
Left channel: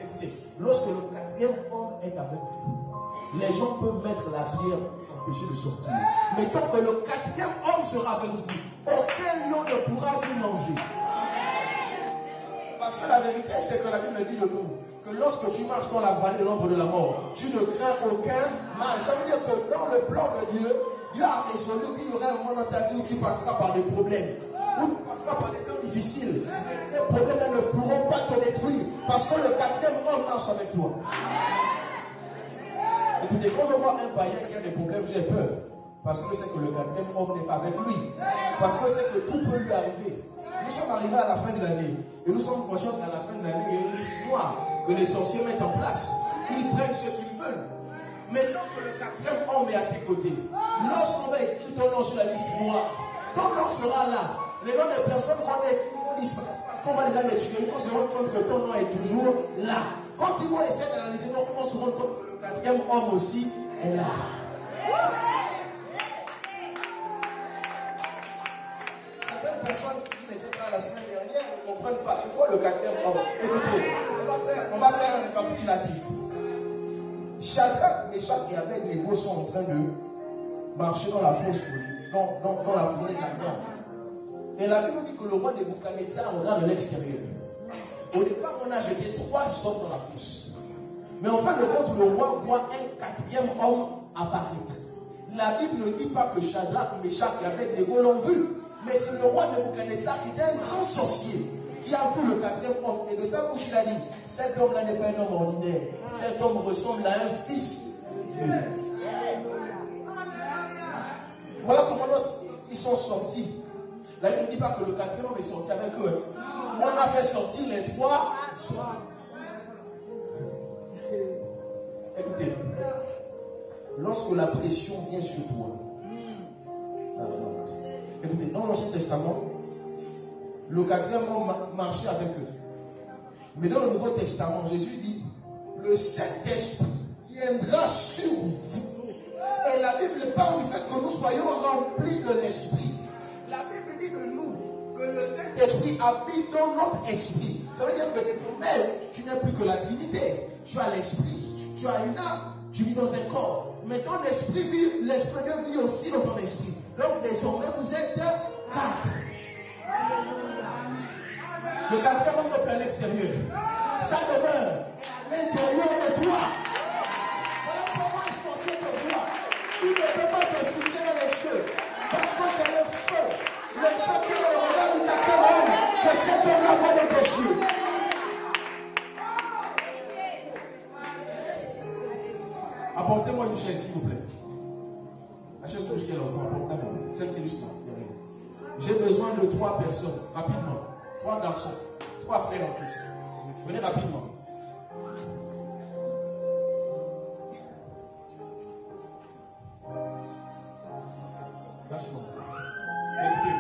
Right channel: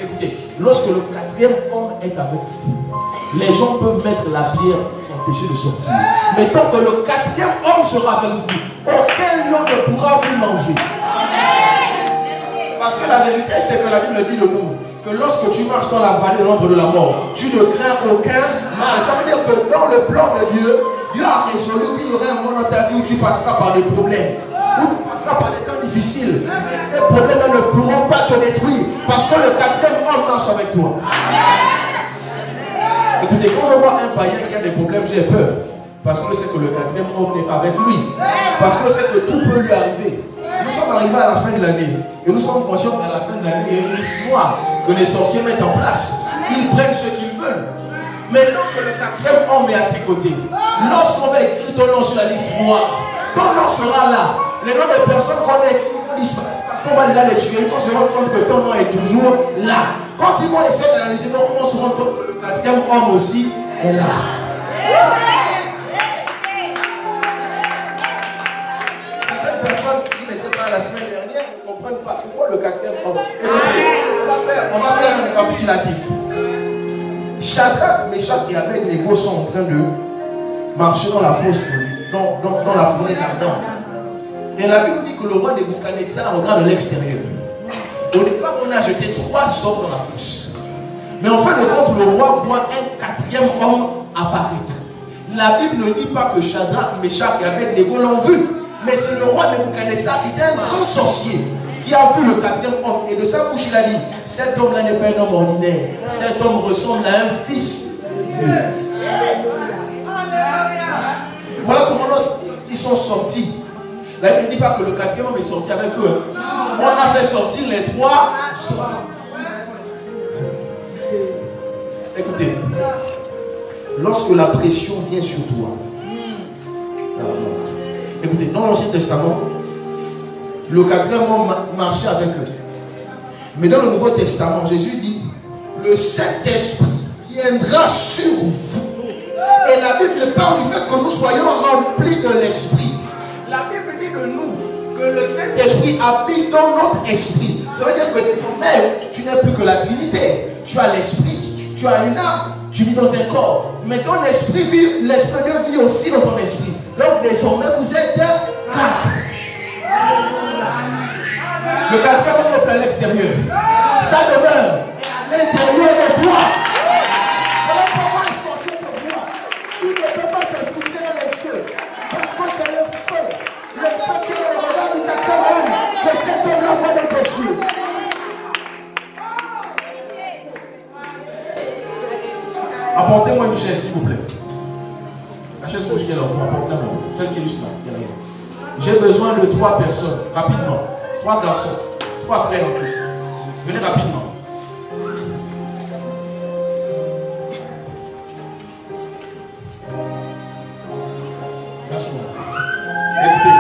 Écoutez, lorsque le quatrième homme est avec vous, les gens peuvent mettre la pierre pour empêcher de sortir. Mais tant que le quatrième homme sera avec vous, aucun lion ne pourra vous manger. Parce que la vérité, c'est que la Bible dit de nous que lorsque tu marches dans la vallée de l'ombre de la mort, tu ne crains aucun mal. Ça veut dire que dans le plan de Dieu, Dieu a résolu qu'il y aurait un moment dans ta vie où tu passeras par des problèmes, où tu passeras par des temps difficiles. Mais ces problèmes-là ne pourront pas te détruire parce que le quatrième homme marche avec toi. Écoutez, quand je vois un païen qui a des problèmes, j'ai peur. Parce que c'est que le quatrième homme n'est pas avec lui. Parce que c'est que tout peut lui arriver. Nous sommes arrivés à la fin de l'année. Et nous sommes conscients qu'à la fin de l'année, il y a une liste noire que les sorciers mettent en place. Ils prennent ce qu'ils veulent. Maintenant que le quatrième homme est à tes côtés, lorsqu'on va écrire ton nom sur la liste noire, ton nom sera là. Les noms des personnes qu'on vont disparaître parce qu'on va déjà les tuer. On se rend compte que ton nom est toujours là. Quand ils vont essayer d'analyser, on se rend compte que le quatrième homme aussi est là. Certaines personnes qui n'étaient pas la semaine dernière ne comprennent pas c'est quoi le quatrième homme. Écoutez, on va faire un récapitulatif. Shadrach, Meshach et Abednego sont en train de marcher dans la fosse, dans la fournaise ardente. Et la Bible dit que le roi Nebuchadnezzar regarde de l'extérieur. Au départ, on a jeté 3 hommes dans la fosse. Mais en fin de compte, le roi voit un 4e homme apparaître. La Bible ne dit pas que Shadrach, Meshach et Abednego l'ont vu. Mais c'est le roi Nebuchadnezzar qui était un grand sorcier qui a vu le 4e homme. Et de sa bouche, il a dit, cet homme-là n'est pas un homme ordinaire. Cet homme ressemble à un fils de Dieu. Voilà comment ils sont sortis. La Bible ne dit pas que le 4e homme est sorti avec eux. On a fait sortir les 3 hommes. Écoutez, lorsque la pression vient sur toi, écoutez, dans l'Ancien Testament, le 4e homme marchait avec eux. Mais dans le Nouveau Testament, Jésus dit, le Saint-Esprit viendra sur vous. Et la Bible parle du fait que nous soyons remplis de l'Esprit. La Bible dit de nous que le Saint-Esprit habite dans notre esprit. Ça veut dire que désormais, tu n'es plus que la Trinité. Tu as l'Esprit, tu as une âme, tu vis dans un corps. Mais ton esprit vit, l'Esprit de Dieu vit aussi dans ton esprit. Donc désormais, vous êtes 4. Le 4e homme est à l'extérieur. Ça demeure à l'intérieur de toi. Voilà comment un sorcier te voit. Il ne peut pas te fixer dans les yeux. Parce que c'est le feu. Le feu qui est dans le regard du 4e homme que cet homme-là voit dans tes yeux. Apportez-moi une chaise, s'il vous plaît. La chaise rouge qui est là au fond, apportez-moi. Celle qui est juste là, derrière. J'ai besoin de 3 personnes, rapidement. 3 garçons, 3 frères en Christ. Venez rapidement. Lâche-moi. Écoutez.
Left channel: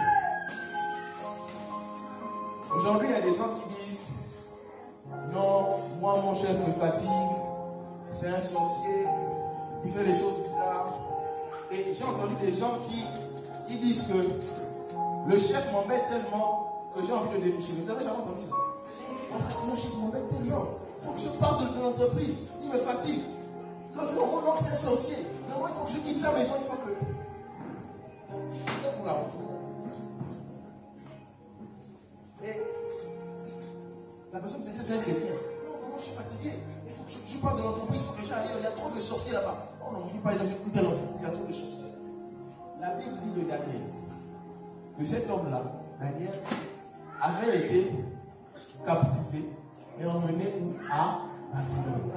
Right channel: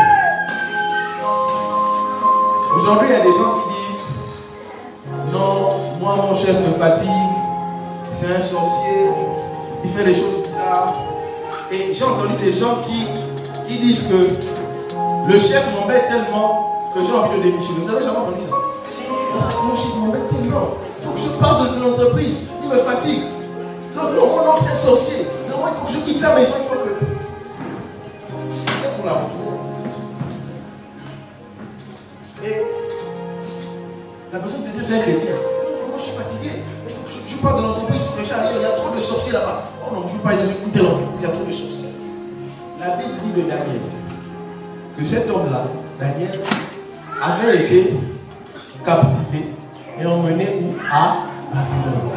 Aujourd'hui, il y a des gens qui disent non, moi mon chef me fatigue, c'est un sorcier, il fait des choses bizarres. Et j'ai entendu des gens qui disent que le chef m'embête tellement que j'ai envie de démissionner. Vous avez jamais entendu ça? En fait, mon chef m'embête tellement. Il faut que je parte de l'entreprise. Il me fatigue. Donc, non, mon oncle c'est un sorcier. Non, il faut que je quitte sa maison. Il faut que. Peut-être qu'on l'a retrouvé. Et la personne te dit c'est un chrétien. Non, je suis fatigué. Il faut que je parte de l'entreprise. Il faut que j'arrive. Il y a trop de sorciers là-bas. Oh non, je ne veux pas aller dans une telle entreprise. Il y a trop de sorciers. La Bible dit de Daniel que cet homme-là, Daniel, avait été captivé et emmené où? À Babylone.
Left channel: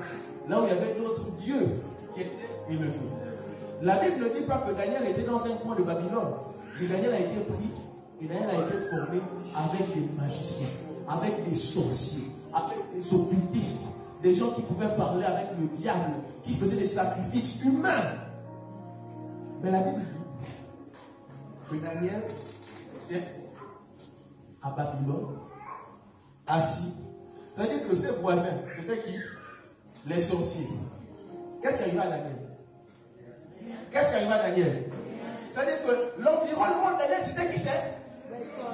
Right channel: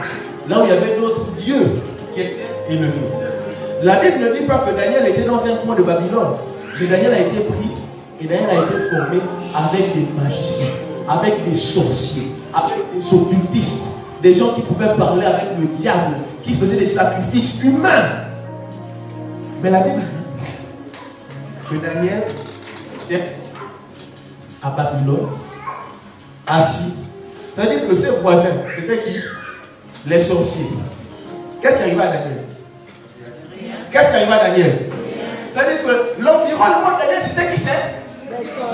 Là où il y avait d'autres dieux qui étaient élevés. La Bible ne dit pas que Daniel était dans un coin de Babylone. Mais Daniel a été pris et Daniel a été formé avec des magiciens, avec des sorciers, avec des occultistes, des gens qui pouvaient parler avec le diable, qui faisaient des sacrifices humains. Mais la Bible dit que Daniel était à Babylone, assis. Ça veut dire que ses voisins, c'était qui? Les sorciers. Qu'est-ce qui arriva à Daniel? Qu'est-ce qui arriva à Daniel? Ça veut dire que l'environnement de Daniel, c'était qui c'est?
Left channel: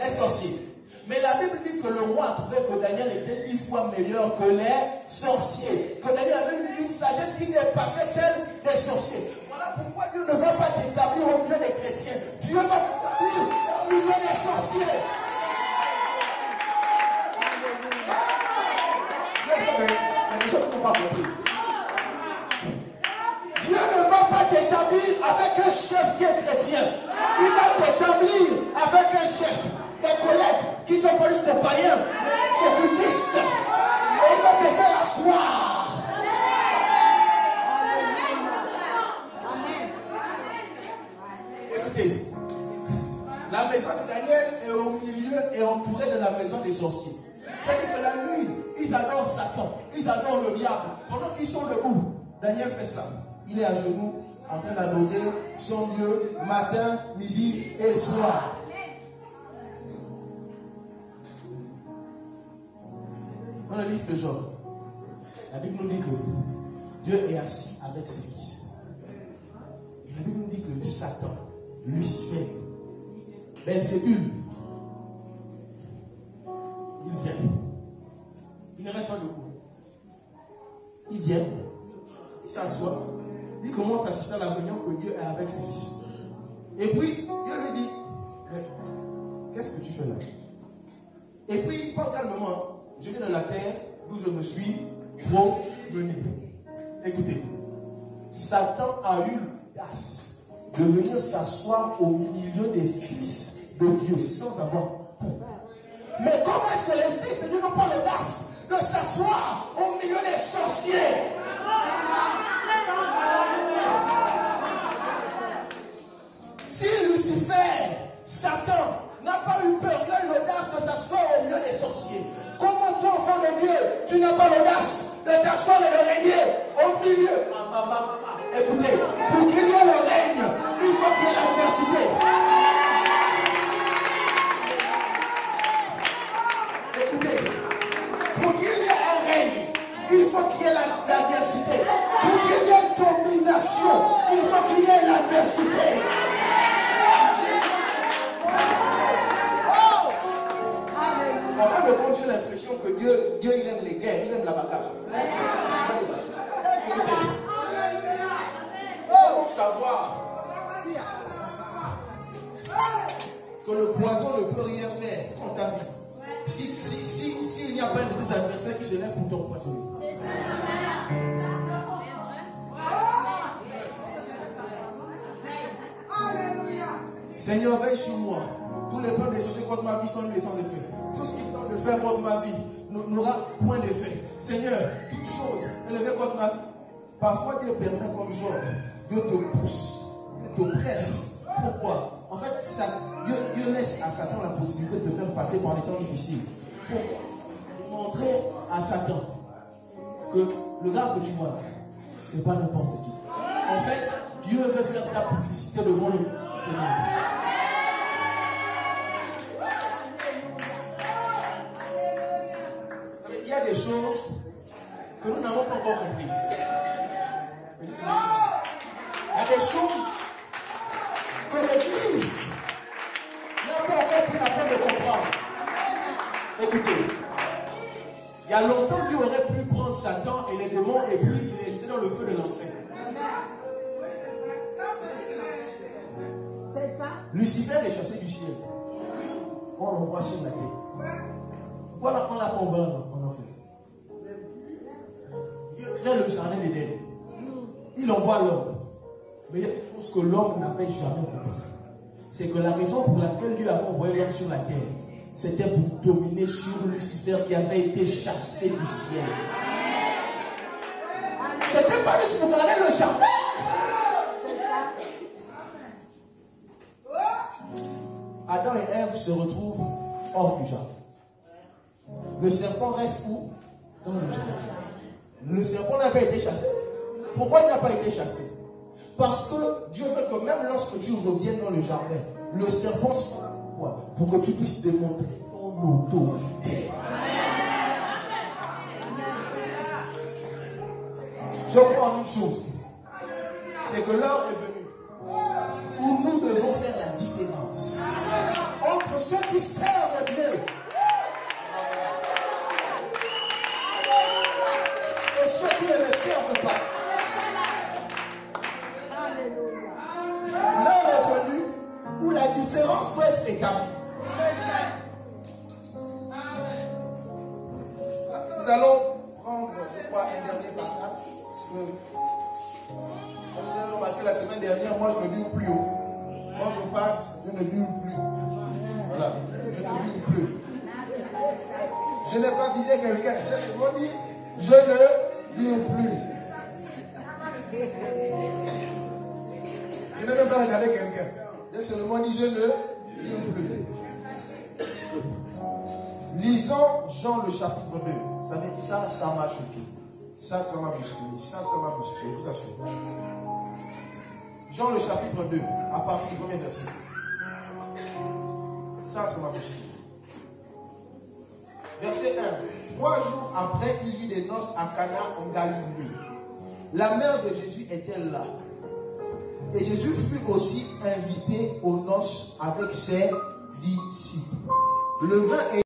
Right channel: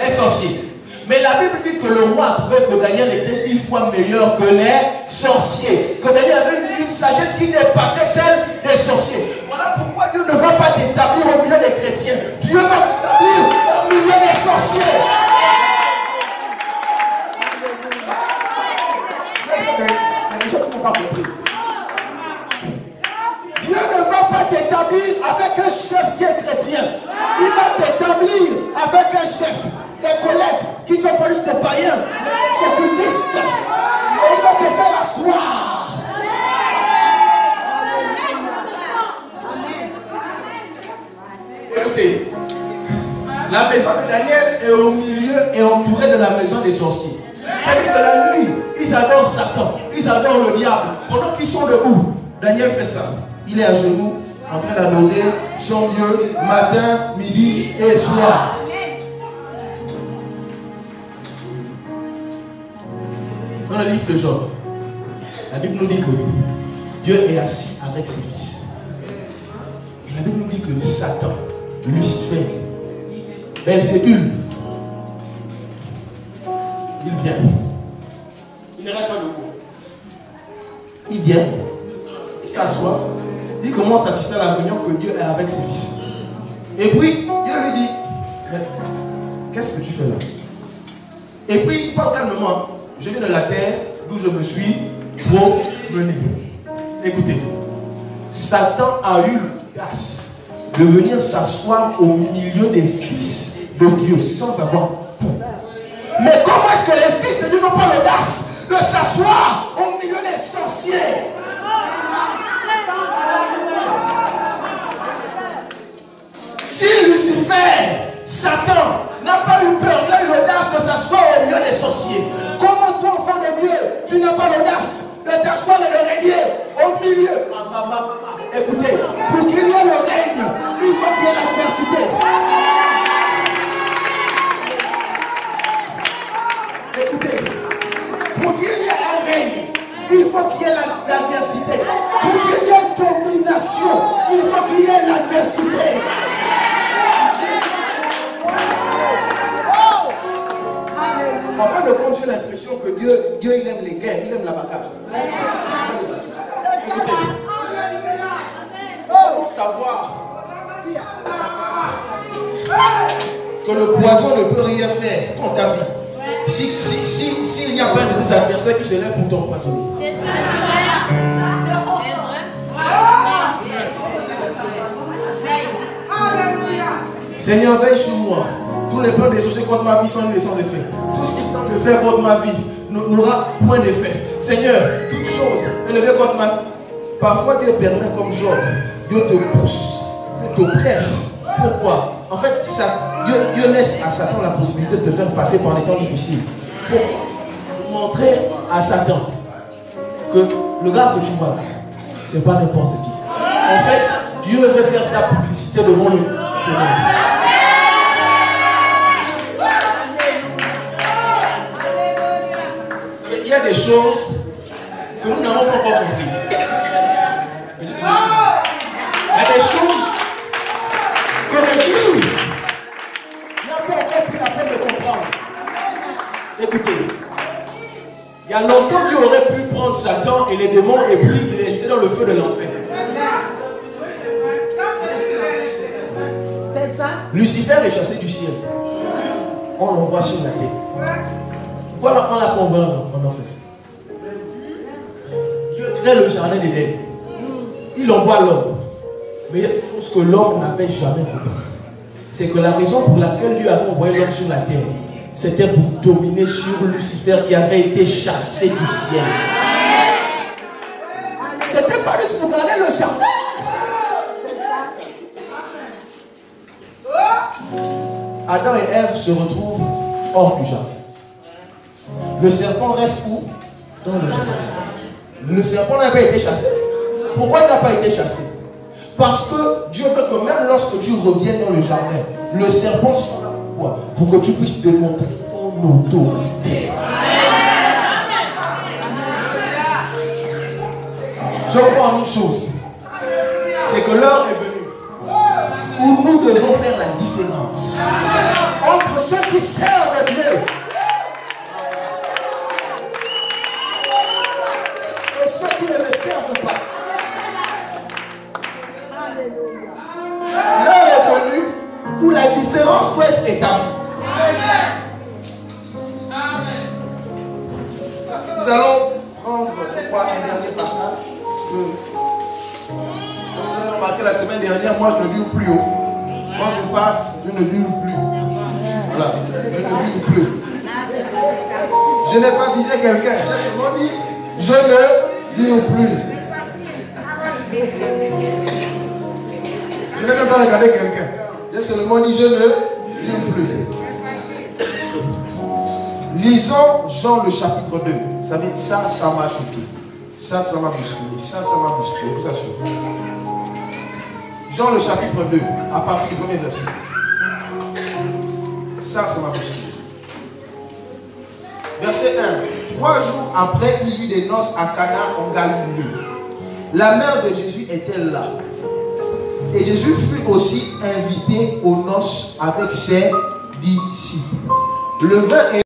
Les sorciers. Mais la Bible dit que le roi trouvait que Daniel était 10 fois meilleur que les sorciers. Que Daniel avait une sagesse qui dépassait celle des sorciers. Voilà pourquoi Dieu ne va pas t'établir au milieu des chrétiens. Dieu va t'établir au milieu des sorciers. Les gens qui n'ont pas compris. Dieu ne va pas t'établir avec un chef qui est chrétien. Il va t'établir avec un chef, des collègues qui sont pas juste des païens, occultistes. Et il va te faire asseoir. Écoutez, la maison de Daniel est au milieu et entourée de la maison des sorciers. C'est-à-dire que la nuit, ils adorent Satan, ils adorent le diable. Pendant qu'ils sont debout, Daniel fait ça. Il est à genoux, en train d'adorer son Dieu, matin, midi et soir. Dans le livre de Job, la Bible nous dit que Dieu est assis avec ses fils. Et la Bible nous dit que Satan, Lucifer, Belzébul, il vient. Il ne reste pas debout. Il vient, il s'assoit, il commence à assister à la réunion que Dieu est avec ses fils. Et puis, Dieu lui dit, mais qu'est-ce que tu fais là? Et puis, il parle calmement. Je viens de la terre d'où je me suis promené. Écoutez, Satan a eu l'audace de venir s'asseoir au milieu des fils de Dieu sans avoir peur. Mais comment est-ce que les fils de Dieu n'ont pas l'audace de s'asseoir au milieu des sorciers? Si Lucifer, Satan, n'a pas eu peur, il a eu l'audace de s'asseoir au milieu des sorciers, comment toi, enfant de Dieu, tu n'as pas l'audace de t'asseoir et de régner au milieu? Écoutez, pour qu'il y ait le règne, il faut qu'il y ait l'adversité. Écoutez, pour qu'il y ait un règne, il faut qu'il y ait l'adversité. Pour qu'il y ait une domination, il faut qu'il y ait l'adversité. En fin de compte, j'ai l'impression que Dieu, il aime les guerres, il aime la bagarre. Écoutez, comment savoir que le poison ne peut rien faire contre ta vie s'il n'y a pas de tes adversaires qui se lèvent pour t'empoisonner? Seigneur, veille sur moi. Tous les plans des sociétés contre ma vie sont nés sans effet. Tout ce qui tente de faire contre ma vie n'aura point d'effet. Seigneur, toute chose élevée contre ma vie. Parfois Dieu permet comme Job. Dieu te pousse, Dieu te presse. Pourquoi? En fait, Dieu laisse à Satan la possibilité de te faire passer par les temps difficiles. Pour montrer à Satan que le gars que tu vois là, c'est pas n'importe qui. En fait, Dieu veut faire ta publicité devant le ténèbre. Il y a des choses que nous n'avons pas encore comprises. Il y a des choses que l'Église n'a pas encore pris la peine de comprendre. Écoutez, il y a longtemps Dieu aurait pu prendre Satan et les démons et puis les jeter dans le feu de l'enfer. Lucifer est chassé du ciel. On l'envoie sur la terre. Voilà, on l'a convaincu en enfer. Dieu crée le jardin d'Éden. Il envoie l'homme. Mais il y a quelque chose que l'homme n'avait jamais compris. C'est que la raison pour laquelle Dieu avait envoyé l'homme sur la terre, c'était pour dominer sur Lucifer qui avait été chassé du ciel. C'était pas juste pour garder le jardin. Adam et Ève se retrouvent hors du jardin. Le serpent reste où? Dans le jardin. Le serpent n'a pas été chassé. Pourquoi il n'a pas été chassé? Parce que Dieu veut que même lorsque tu reviennes dans le jardin, le serpent soit là. Pourquoi? Pour que tu puisses démontrer ton autorité. Je crois en une chose. C'est que l'heure est venue où nous devons faire la différence entre ceux qui servent Dieu et ceux qui ne le servent pas. L'heure est venue où la différence doit être établie. Nous allons prendre, je crois, un dernier passage. Parce que, comme vous avez remarqué la semaine dernière, moi je ne lis plus haut. Quand je passe, je ne lis plus. Voilà, je ne lis plus. Je n'ai pas visé quelqu'un. J'ai seulement dit, je ne lis plus. Je n'ai même pas regardé quelqu'un. J'ai seulement dit, je ne lis plus. Lisons Jean le chapitre 2. Vous savez, ça m'a choqué. Ça m'a bousculé. Ça m'a bousculé, je vous assure. Jean le chapitre 2, à partir du premier verset. Ça m'a bousculé. Verset 1. 3 jours après, il y eut des noces à Cana en Galilée. La mère de Jésus était là. Et Jésus fut aussi invité aux noces avec ses disciples. Le vin est